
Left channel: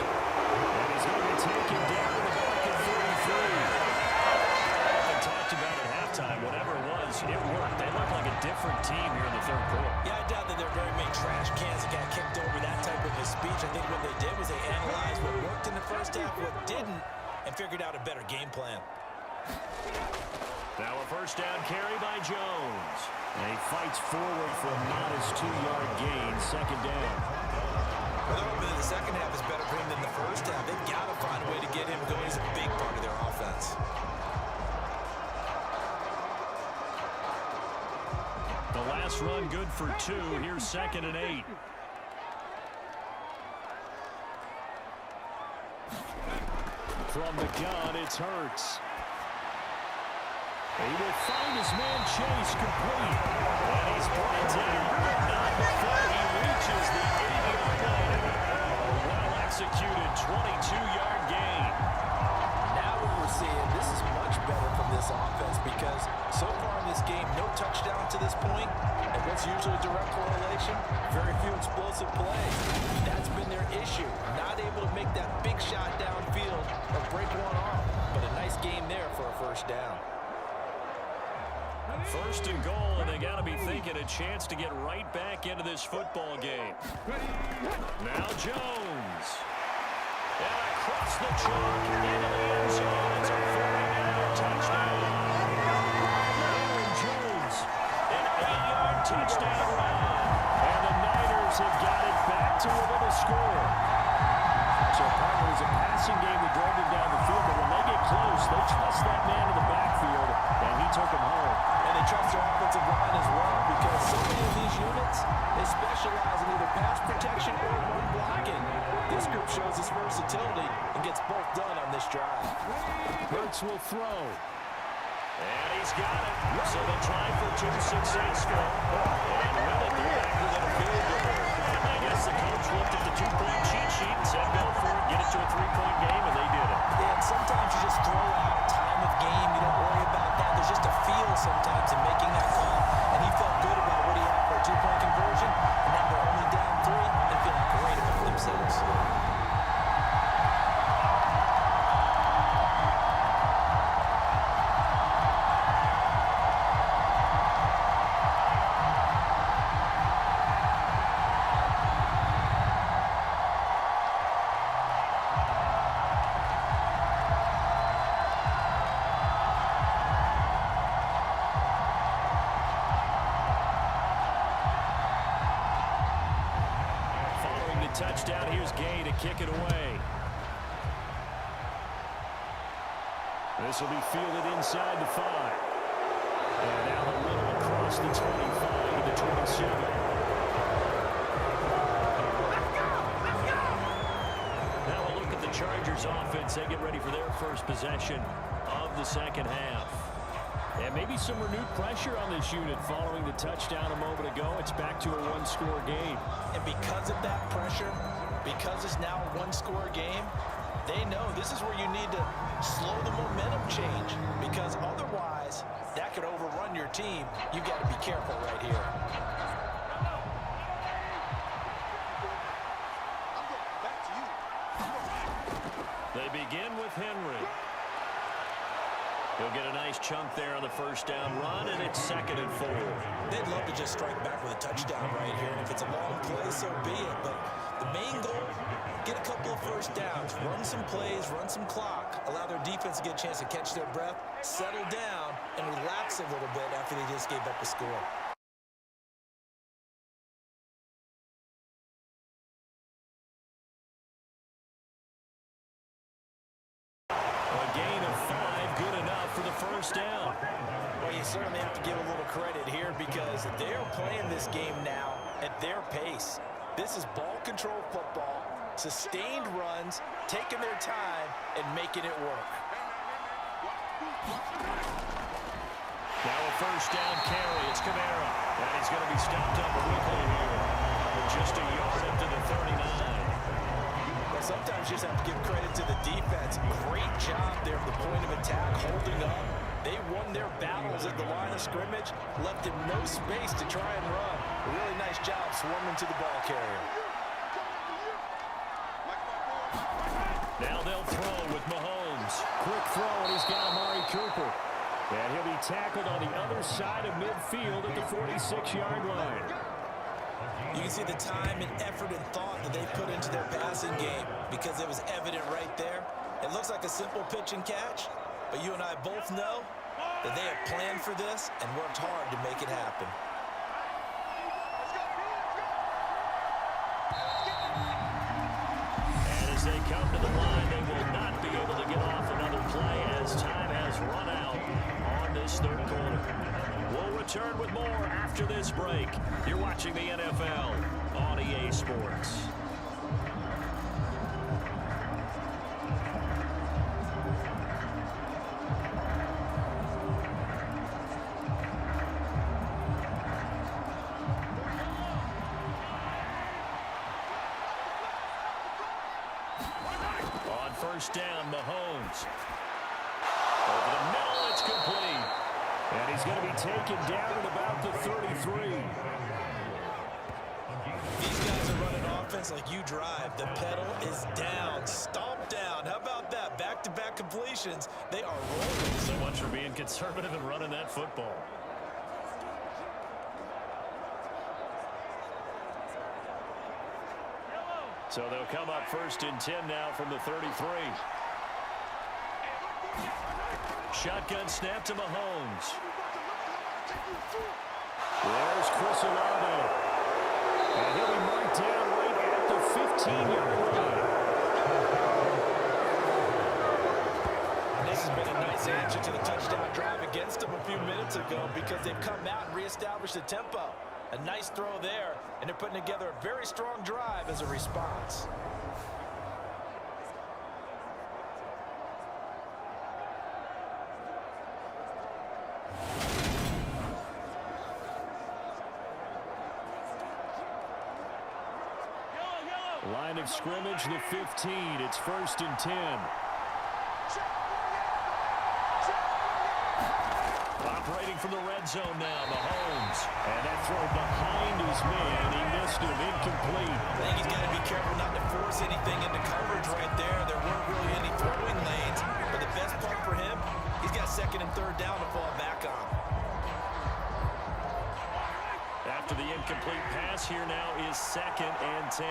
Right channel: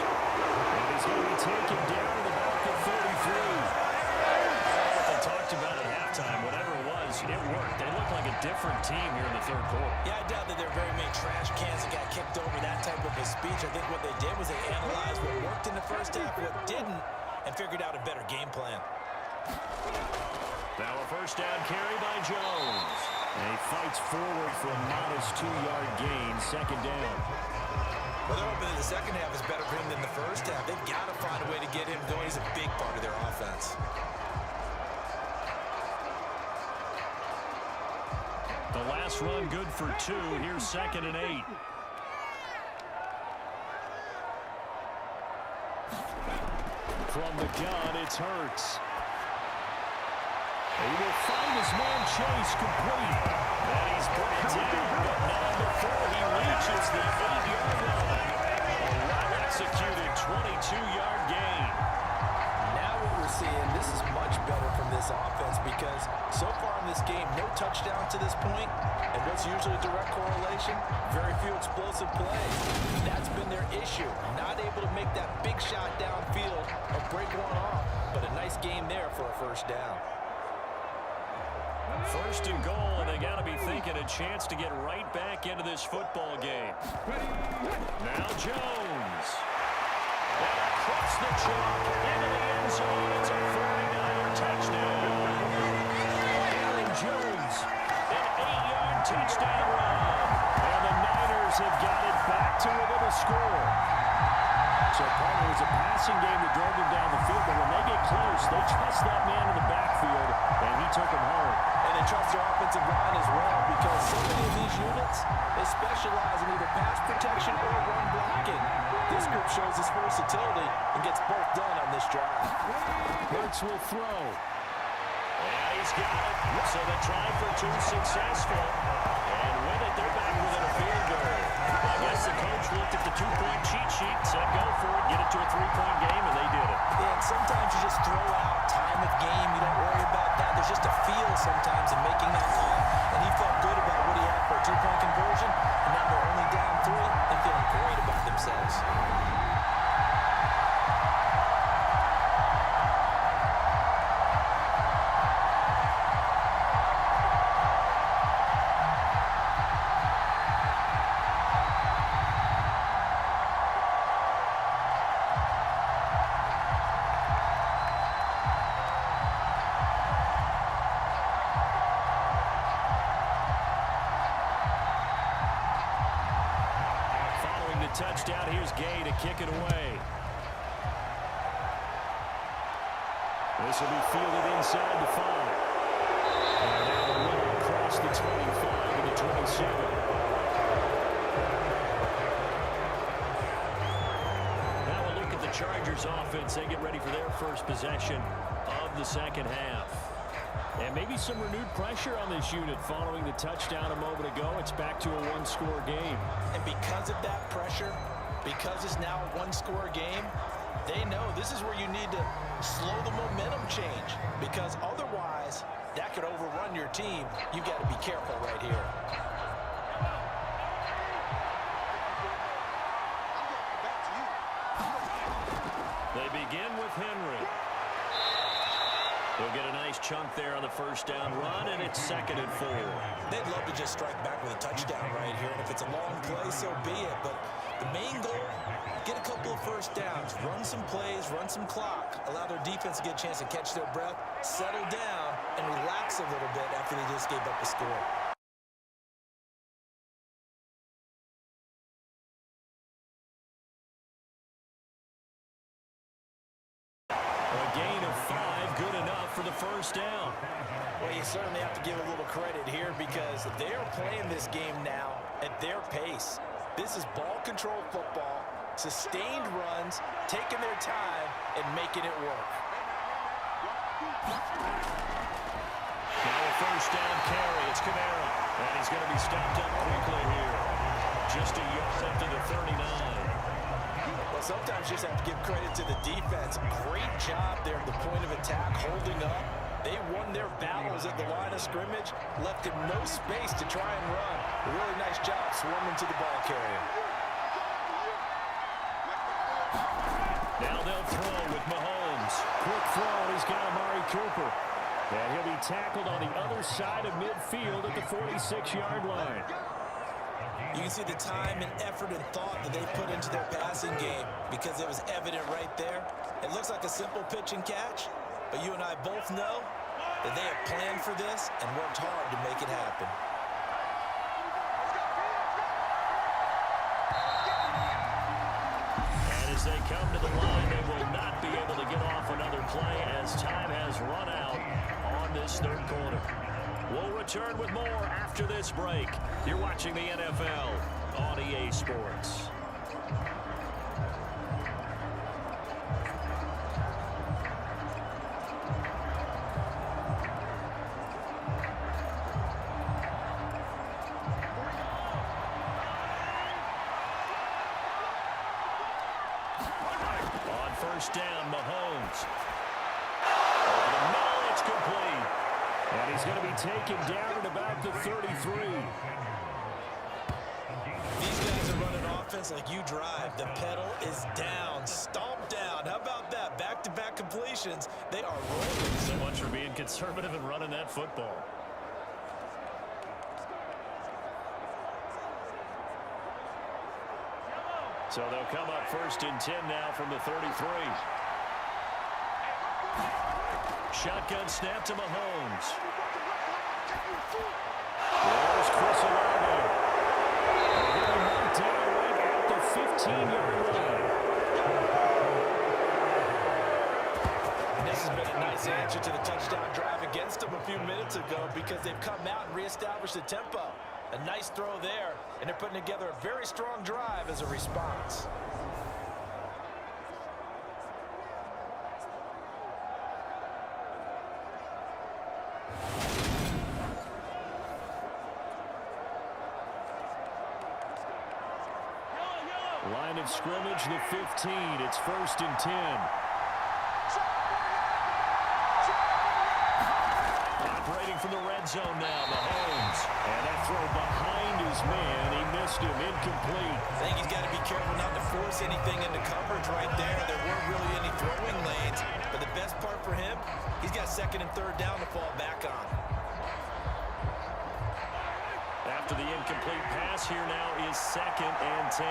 And he's going to be taken down to the back at 33. What they talked about at halftime, whatever it was, it worked. They look like a different team here in the 3rd quarter. Yeah, I doubt that there are very many trash cans that got kicked over, that type of a speech. I think what they did was they analyzed what worked in the 1st half, what didn't, and figured out a better game plan. Now a 1st down carry by Jones. And he fights forward for a modest 2-yard gain, 2nd down. Well, they're hoping that the 2nd half is better for him than the 1st half. They've got to find a way to get him going. He's a big part of their offense. The last run good for 2. Here's 2nd and 8. From the gun, it's Hurts. He will find his man Chase complete. And he's brought down, but not before he reaches the 8-yard line. A well-executed 22-yard gain. Now what we're seeing, this is much better from this offense because so far in this game, no touchdown to this point. And what's usually a direct correlation? Very few explosive plays. That's been their issue. Not able to make that big shot downfield or break one off. But a nice game there for a 1st down. 1st and goal, and they got to be thinking a chance to get right back into this football game. Now Jones. And across the chalk into the end zone. It's a 49er touchdown. Aaron Jones. An 8-yard touchdown run. And the Niners have got it back to within a score. So, partner, it was a passing game that drove them down the field, but when they get close, they trust that man in the backfield, and he took them home. And they trust their offensive line as well because so many of these units, they specialize in either pass protection or run blocking. This group shows its versatility and gets both done on this drive. Hurts will throw. And he's got it. So they try for 2 successful. And with it, they're back within a field goal. I guess the coach looked at the 2-point cheat sheet and said, go for it, get it to a 3-point game, and they did it. Yeah, and sometimes you just throw out time of game. You don't worry about that. There's just a feel sometimes in making that call. And he felt good about what he had for a 2-point conversion. And now they're only down 3 and feeling great about themselves. Touchdown. Here's Gay to kick it away. This will be fielded inside the 5. And now the little across the 25 to the 27. Now we'll look at the Chargers offense. They get ready for their first possession of the 2nd half. And maybe some renewed pressure on this unit following the touchdown a moment ago. It's back to a 1-score game. And because of that pressure, because it's now a 1-score game, they know this is where you need to slow the momentum change. Because otherwise, that could overrun your team. You've got to be careful right here. They begin with Henry. He'll get a nice chunk there on the 1st down run, and it's 2nd and 4. They'd love to just strike back with a touchdown right here, and if it's a long play, so be it. But the main goal, get a couple of 1st downs, run some plays, run some clock, allow their defense to get a chance to catch their breath, settle down, and relax a little bit after they just gave up a score. first down. Well, you certainly have to give a little credit here because they're playing this game now at their pace. This is ball control football, sustained runs, taking their time, and making it work. Now a first down carry. It's Kamara. And he's going to be stopped up quickly here. Just a yard up to the 39. Well, sometimes you just have to give credit to the defense. Great job there at the point of attack, holding up. They won their battles at the line of scrimmage, left him no space to try and run. A really nice job swarming to the ball carrier. Now they'll throw with Mahomes. Quick throw, and he's got Amari Cooper. And he'll be tackled on the other side of midfield at the 46-yard line. You can see the time and effort and thought that they put into their passing game because it was evident right there. It looks like a simple pitch and catch, but you and I both know that they have planned for this and worked hard to make it happen. And as they come to the line, they will not be able to get off another play as time has run out on this third quarter. We'll return with more after this break. You're watching the NFL on EA Sports. On first down, Mahomes. Over the middle, it's complete. And he's going to be taken down at about the 33. These guys are running offense like you drive. The pedal is down, stomped down. How about that? Back-to-back completions. They are rolling. So much for being conservative and running that football. So they'll come up first and 10 now from the 33. Shotgun snap to Mahomes. There's Chris Olave. And he'll be marked down right at the 15-yard line. And this has been a nice answer to the touchdown drive against them a few minutes ago because they've come out and reestablished the tempo. A nice throw there, and they're putting together a very strong drive as a response. Line of scrimmage, the 15. It's first and 10. Operating from the red zone now, Mahomes. And that throw behind his man. He missed him. Incomplete. I think he's got to be careful not to force anything into coverage right there. There weren't really any throwing lanes. But the best part for him, he's got second and third down to fall back on. After the incomplete pass, here now is second and 10.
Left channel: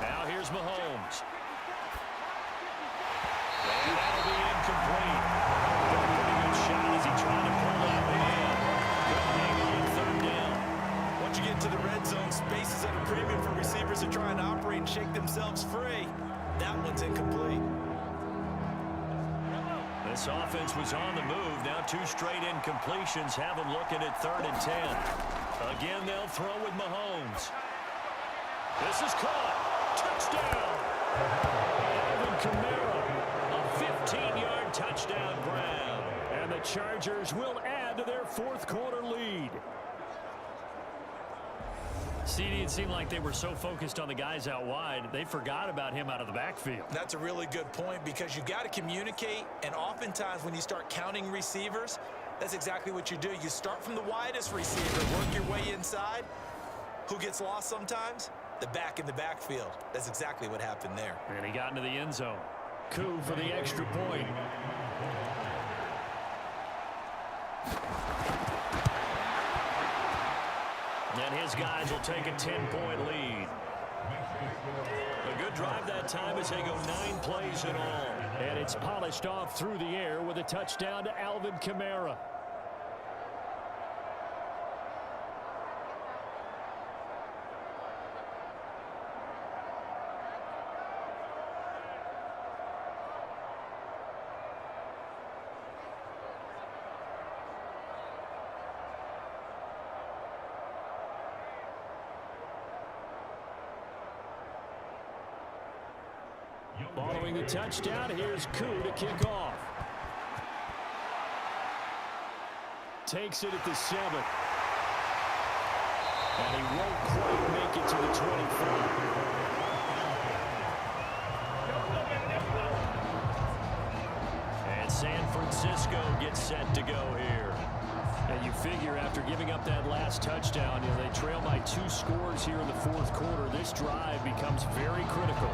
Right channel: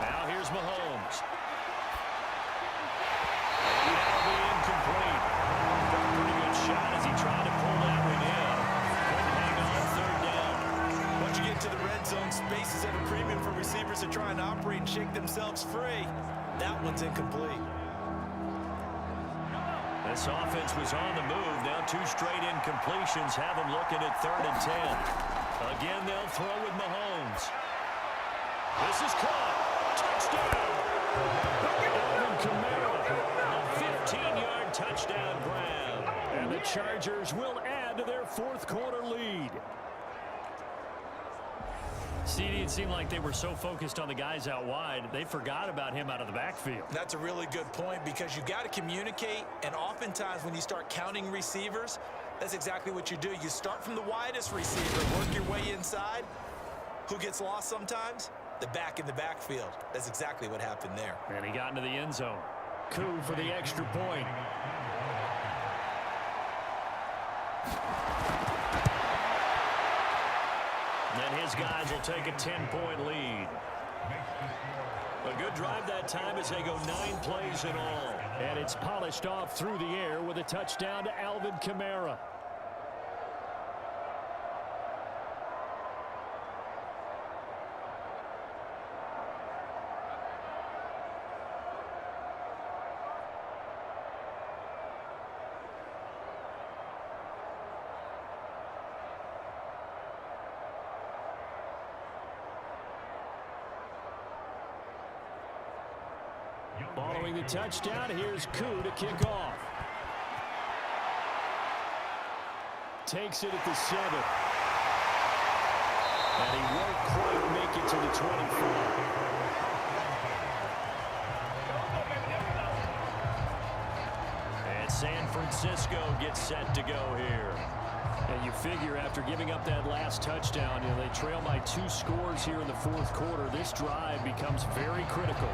Now here's Mahomes. And that'll be incomplete. Took a pretty good shot as he tried to pull that one in. Couldn't hang on third down. Once you get to the red zone, space is at a premium for receivers to try and operate and shake themselves free. That one's incomplete. This offense was on the move. Now two straight incompletions have them looking at third and 10. Again, they'll throw with Mahomes. This is caught. Touchdown. Alvin Kamara. A 15-yard touchdown grab. And the Chargers will add to their fourth quarter lead. CD, it seemed like they were so focused on the guys out wide, they forgot about him out of the backfield. That's a really good point because you got to communicate, and oftentimes when you start counting receivers, that's exactly what you do. You start from the widest receiver, work your way inside. Who gets lost sometimes? The back in the backfield. That's exactly what happened there. And he got into the end zone. Coup for the extra point. And his guys will take a 10-point lead. A good drive that time as they go 9 plays in all. And it's polished off through the air with a touchdown to Alvin Kamara. Throwing the touchdown, here's Koo to kick off. Takes it at the 7. And he won't quite make it to the 25. And San Francisco gets set to go here. And you figure after giving up that last touchdown, they trail by 2 scores here in the fourth quarter. This drive becomes very critical.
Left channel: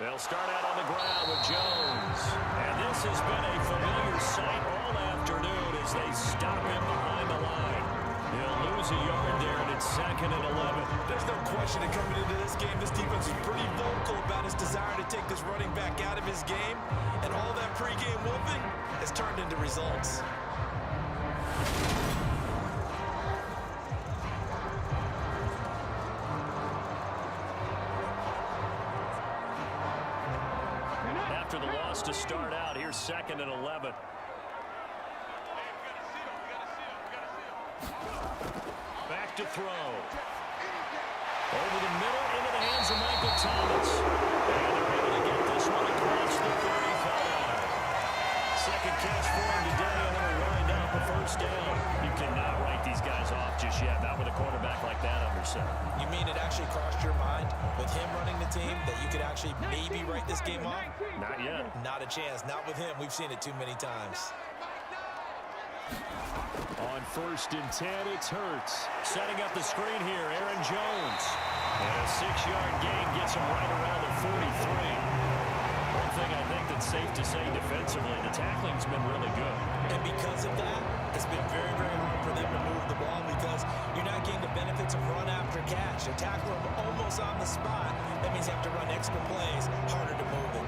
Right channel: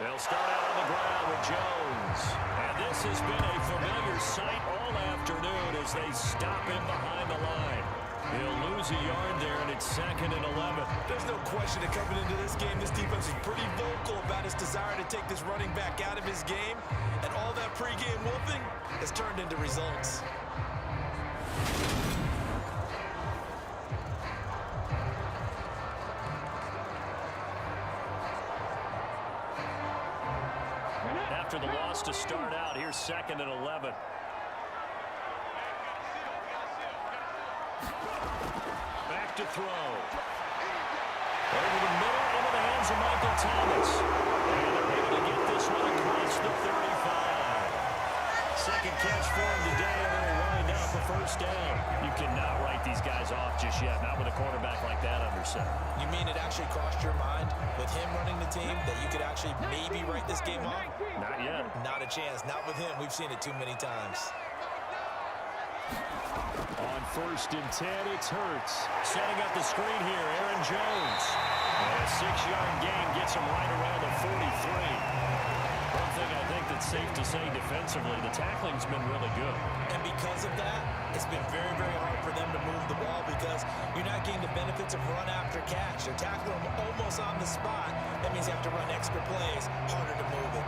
They'll start out on the ground with Jones. And this has been a familiar sight all afternoon as they stop him behind the line. He'll lose a yard there, and it's 2nd and 11. There's no question that coming into this game, this defense is pretty vocal about his desire to take this running back out of his game. And all that pregame whooping has turned into results. After the loss to start out, here's 2nd and 11. Back to throw. Over the middle, into the hands of Michael Thomas. And they're able to get this one across the 35. Second catch for him today, and then will wind up a first down. You cannot write these guys off just yet, not with a quarterback like that under center. You mean it actually crossed your mind with him running the team that you could actually maybe write this game off? Not yet. Not a chance. Not with him. We've seen it too many times. On 1st and 10, it's Hurts. Setting up the screen here, Aaron Jones. And a 6-yard gain gets him right around the 43. One thing I think that's safe to say defensively, the tackling's been really good. And because of that, it's been very, very hard for them to move the ball because you're not getting the benefits of run after catch. They're tackling them almost on the spot. That means you have to run extra plays, harder to move it.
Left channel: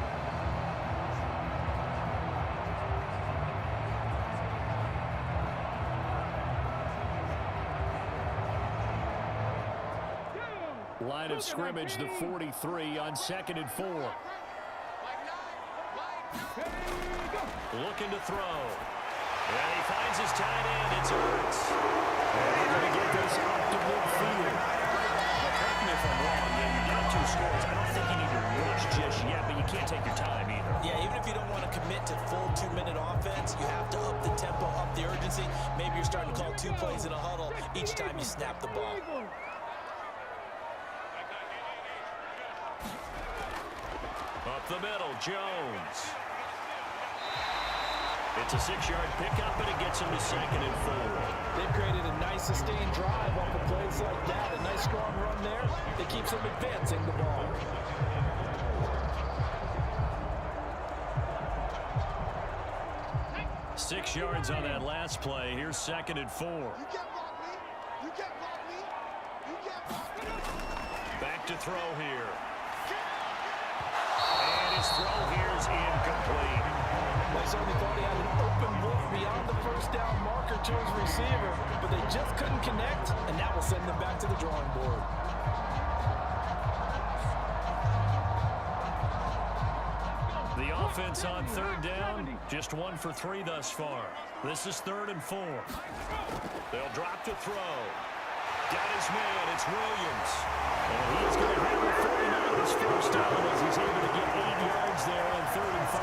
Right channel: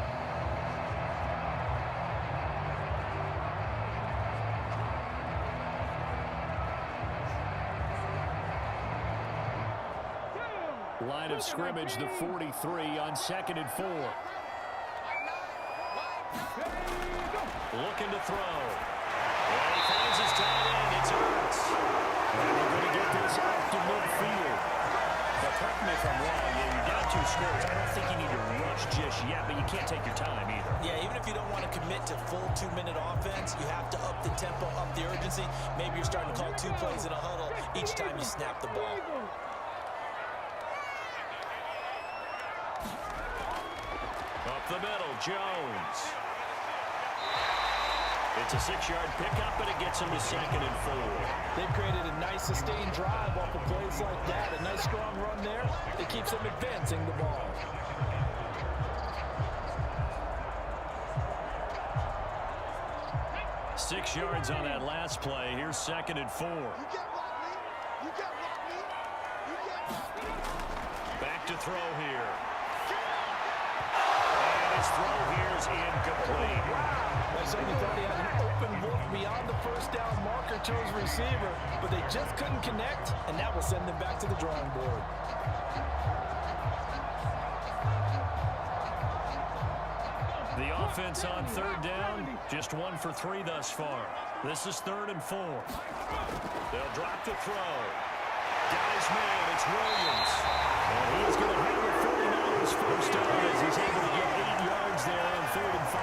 Line of scrimmage, the 43 on 2nd and 4. Looking to throw. And he finds his tight end. It's Hurts. And they're going to get this up to midfield. But correct me if I'm wrong. You're down 2 scores. I don't think you need to rush just yet, but you can't take your time either. Yeah, even if you don't want to commit to full 2-minute offense, you have to up the tempo, up the urgency. Maybe you're starting to call 2 plays in a huddle each time you snap the ball. Up the middle, Jones. It's a 6-yard pickup, and it gets him to 2nd and 4. They've created a nice sustained drive off of plays like that. A nice strong run there that keeps them advancing the ball. Six yards on that last play. Here's 2nd and 4. Back to throw here. And his throw here is incomplete. I certainly thought he had an open look beyond the first down marker to his receiver, but they just couldn't connect, and that will send them back to the drawing board. The offense on 3rd down, just 1 for 3 thus far. This is 3rd and 4. They'll drop to throw. Got his man, it's Williams. And he is going to have the 49ers first down as he's able to get 8 yards there on 3rd and 5.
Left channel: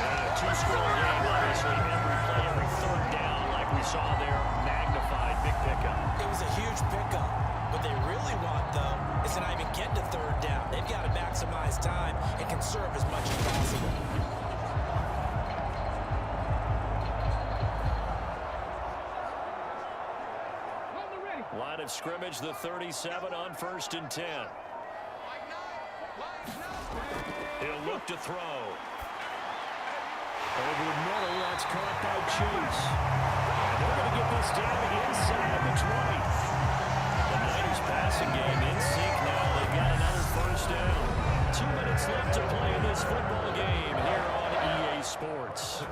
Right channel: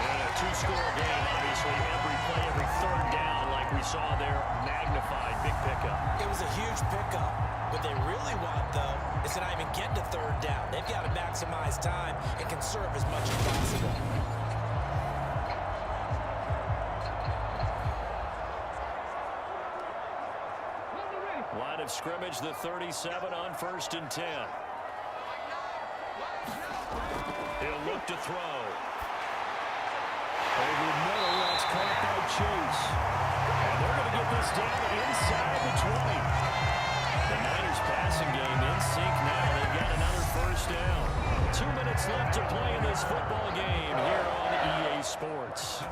And a 2-score game, obviously. Every play, every 3rd down, like we saw there, magnified, big pickup. It was a huge pickup. What they really want, though, is to not even get to 3rd down. They've got to maximize time and conserve as much as possible. Line of scrimmage, the 37 on 1st and 10. He'll look to throw. Over the middle, that's caught by Chase. And they're going to get this down inside the 20. The Niners passing game in sync now. They've got another first down. 2 minutes left to play in this football game here on EA Sports.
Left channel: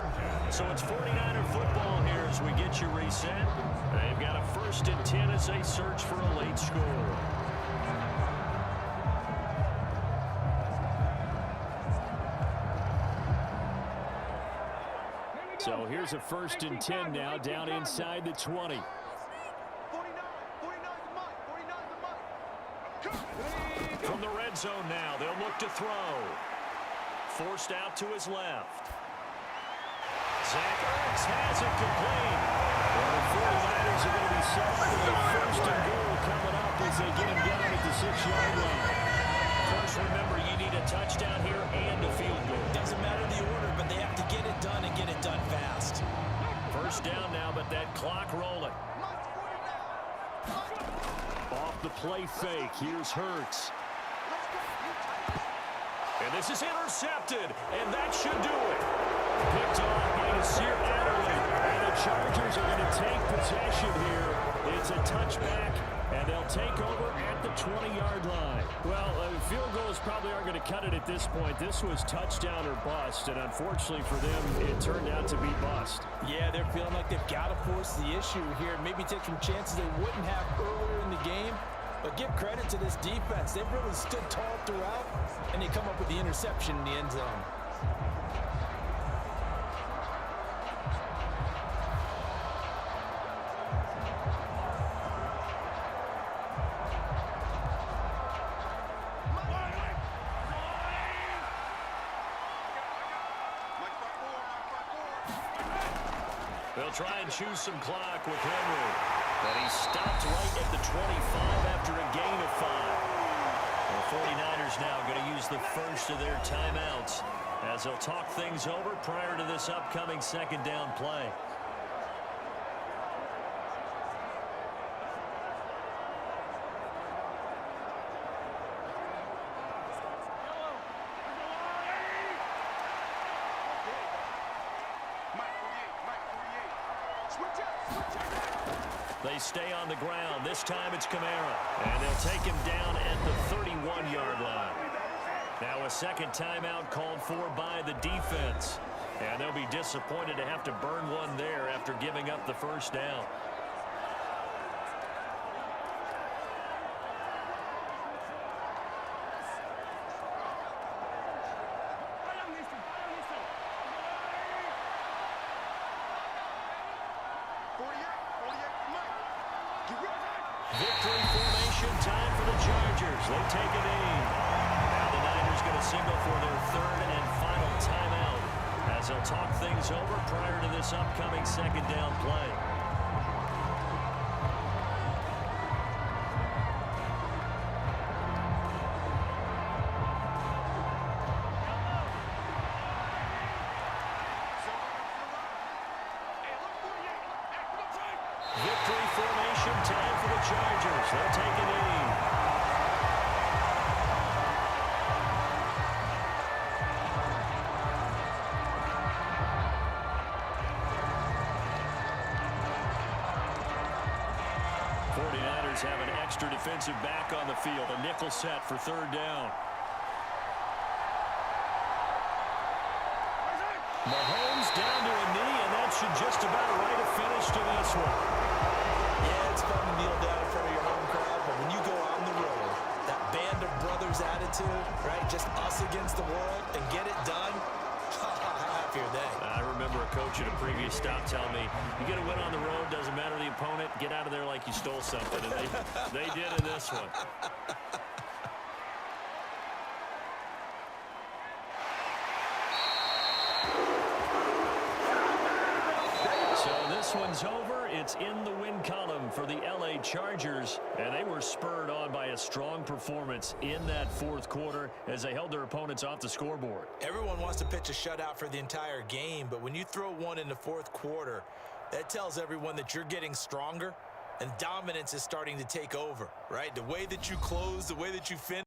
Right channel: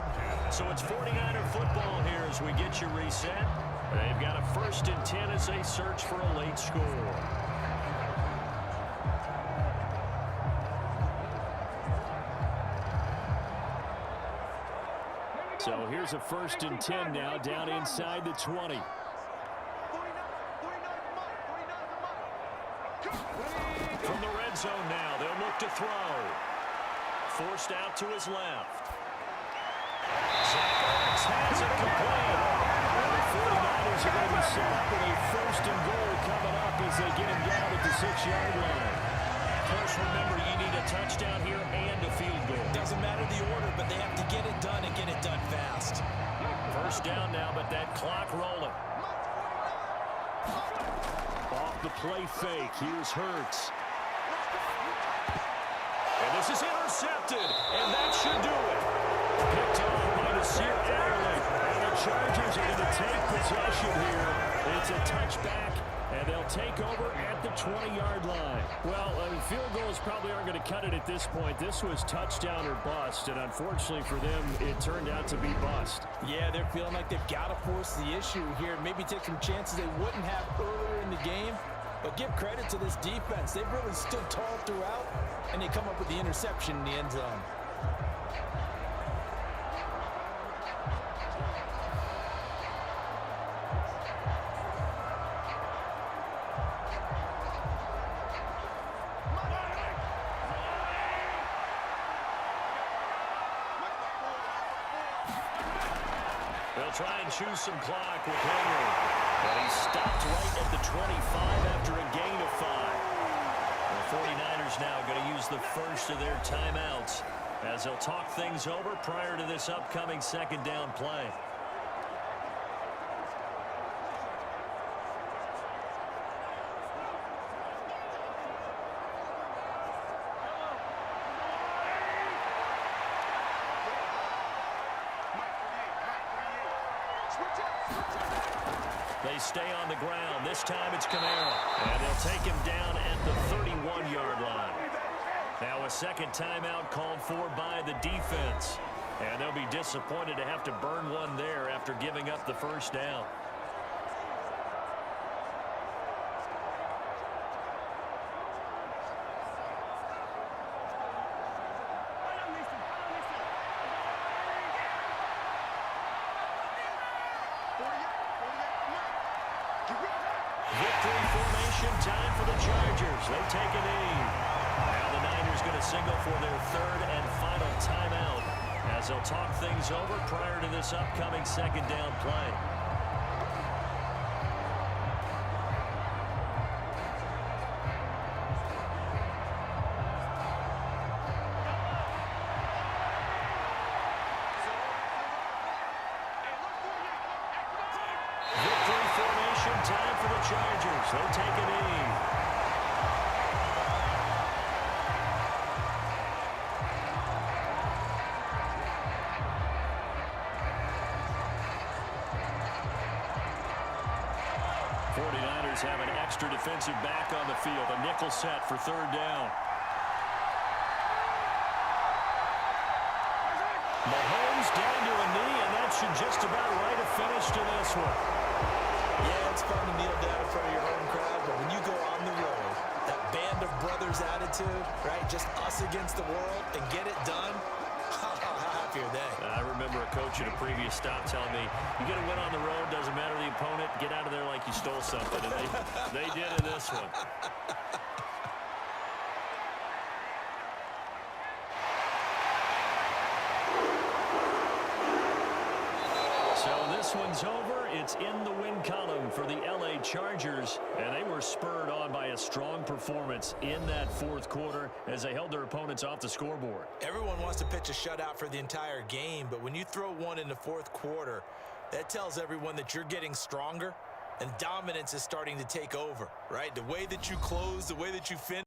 So it's 49er football here as we get you reset. They've got a 1st and 10 as they search for a late score. So here's a 1st and 10 now down inside the 20. From the red zone now, they'll look to throw. Forced out to his left. Zach Ertz has it complete. Well, the 49ers are going to be set up with a 1st and goal coming up as they get him down at the 6-yard line. First, remember, you need a touchdown here and a field goal. Doesn't matter the order, but they have to get it done and get it done fast. First down now, but that clock rolling. Off the play fake, here's Hurts. And this is intercepted, and that should do it. Picked off by Nasir Adderley. And the Chargers are going to take possession here. It's a touchback, and they'll take over at the 20-yard line. Well, field goals probably aren't going to cut it at this point. This was touchdown or bust, and unfortunately for them, it turned out to be bust. Yeah, they're feeling like they've got to force the issue here. Maybe take some chances they wouldn't have earlier in the game. But give credit to this defense. They've really stood tall throughout, and they come up with the interception in the end zone. They'll try and choose some clock with Henry. But he stopped right at the 25 after a gain of 5. The 49ers now going to use the first of their timeouts as they'll talk things over prior to this upcoming 2nd down play. They stay on the ground. This time it's Kamara. And they'll take him down at the 31-yard line. Now a 2nd timeout called for by the defense. And they'll be disappointed to have to burn one there after giving up the first down. Victory formation time for the Chargers. They take a knee. Now the Niners going to signal for their 3rd and final timeout as they'll talk things over prior to this upcoming 2nd down play. Victory formation time for the Chargers. They take a knee. '49ers have an extra defensive back on the field. A nickel set for 3rd down. Mahomes down to a knee, and that should just about write a finish to this one. Yeah, it's fun to kneel down in front of your home crowd, but when you go on the road, that band of brothers attitude, right, just us against the world, and get it done, how happy are they? I remember a coach at a previous stop telling me, you get a win on the road, doesn't matter the opponent, get out of there like you stole something, and they did in this one. So this one's over. It's in the win column for the LA Chargers, and they were spurred on by a strong performance in that 4th quarter as they held their opponents off the scoreboard. Everyone wants to pitch a shutout for the entire game, but when you throw one in the 4th quarter, that tells everyone that you're getting stronger and dominance is starting to take over, right? The way that you close, the way that you finish.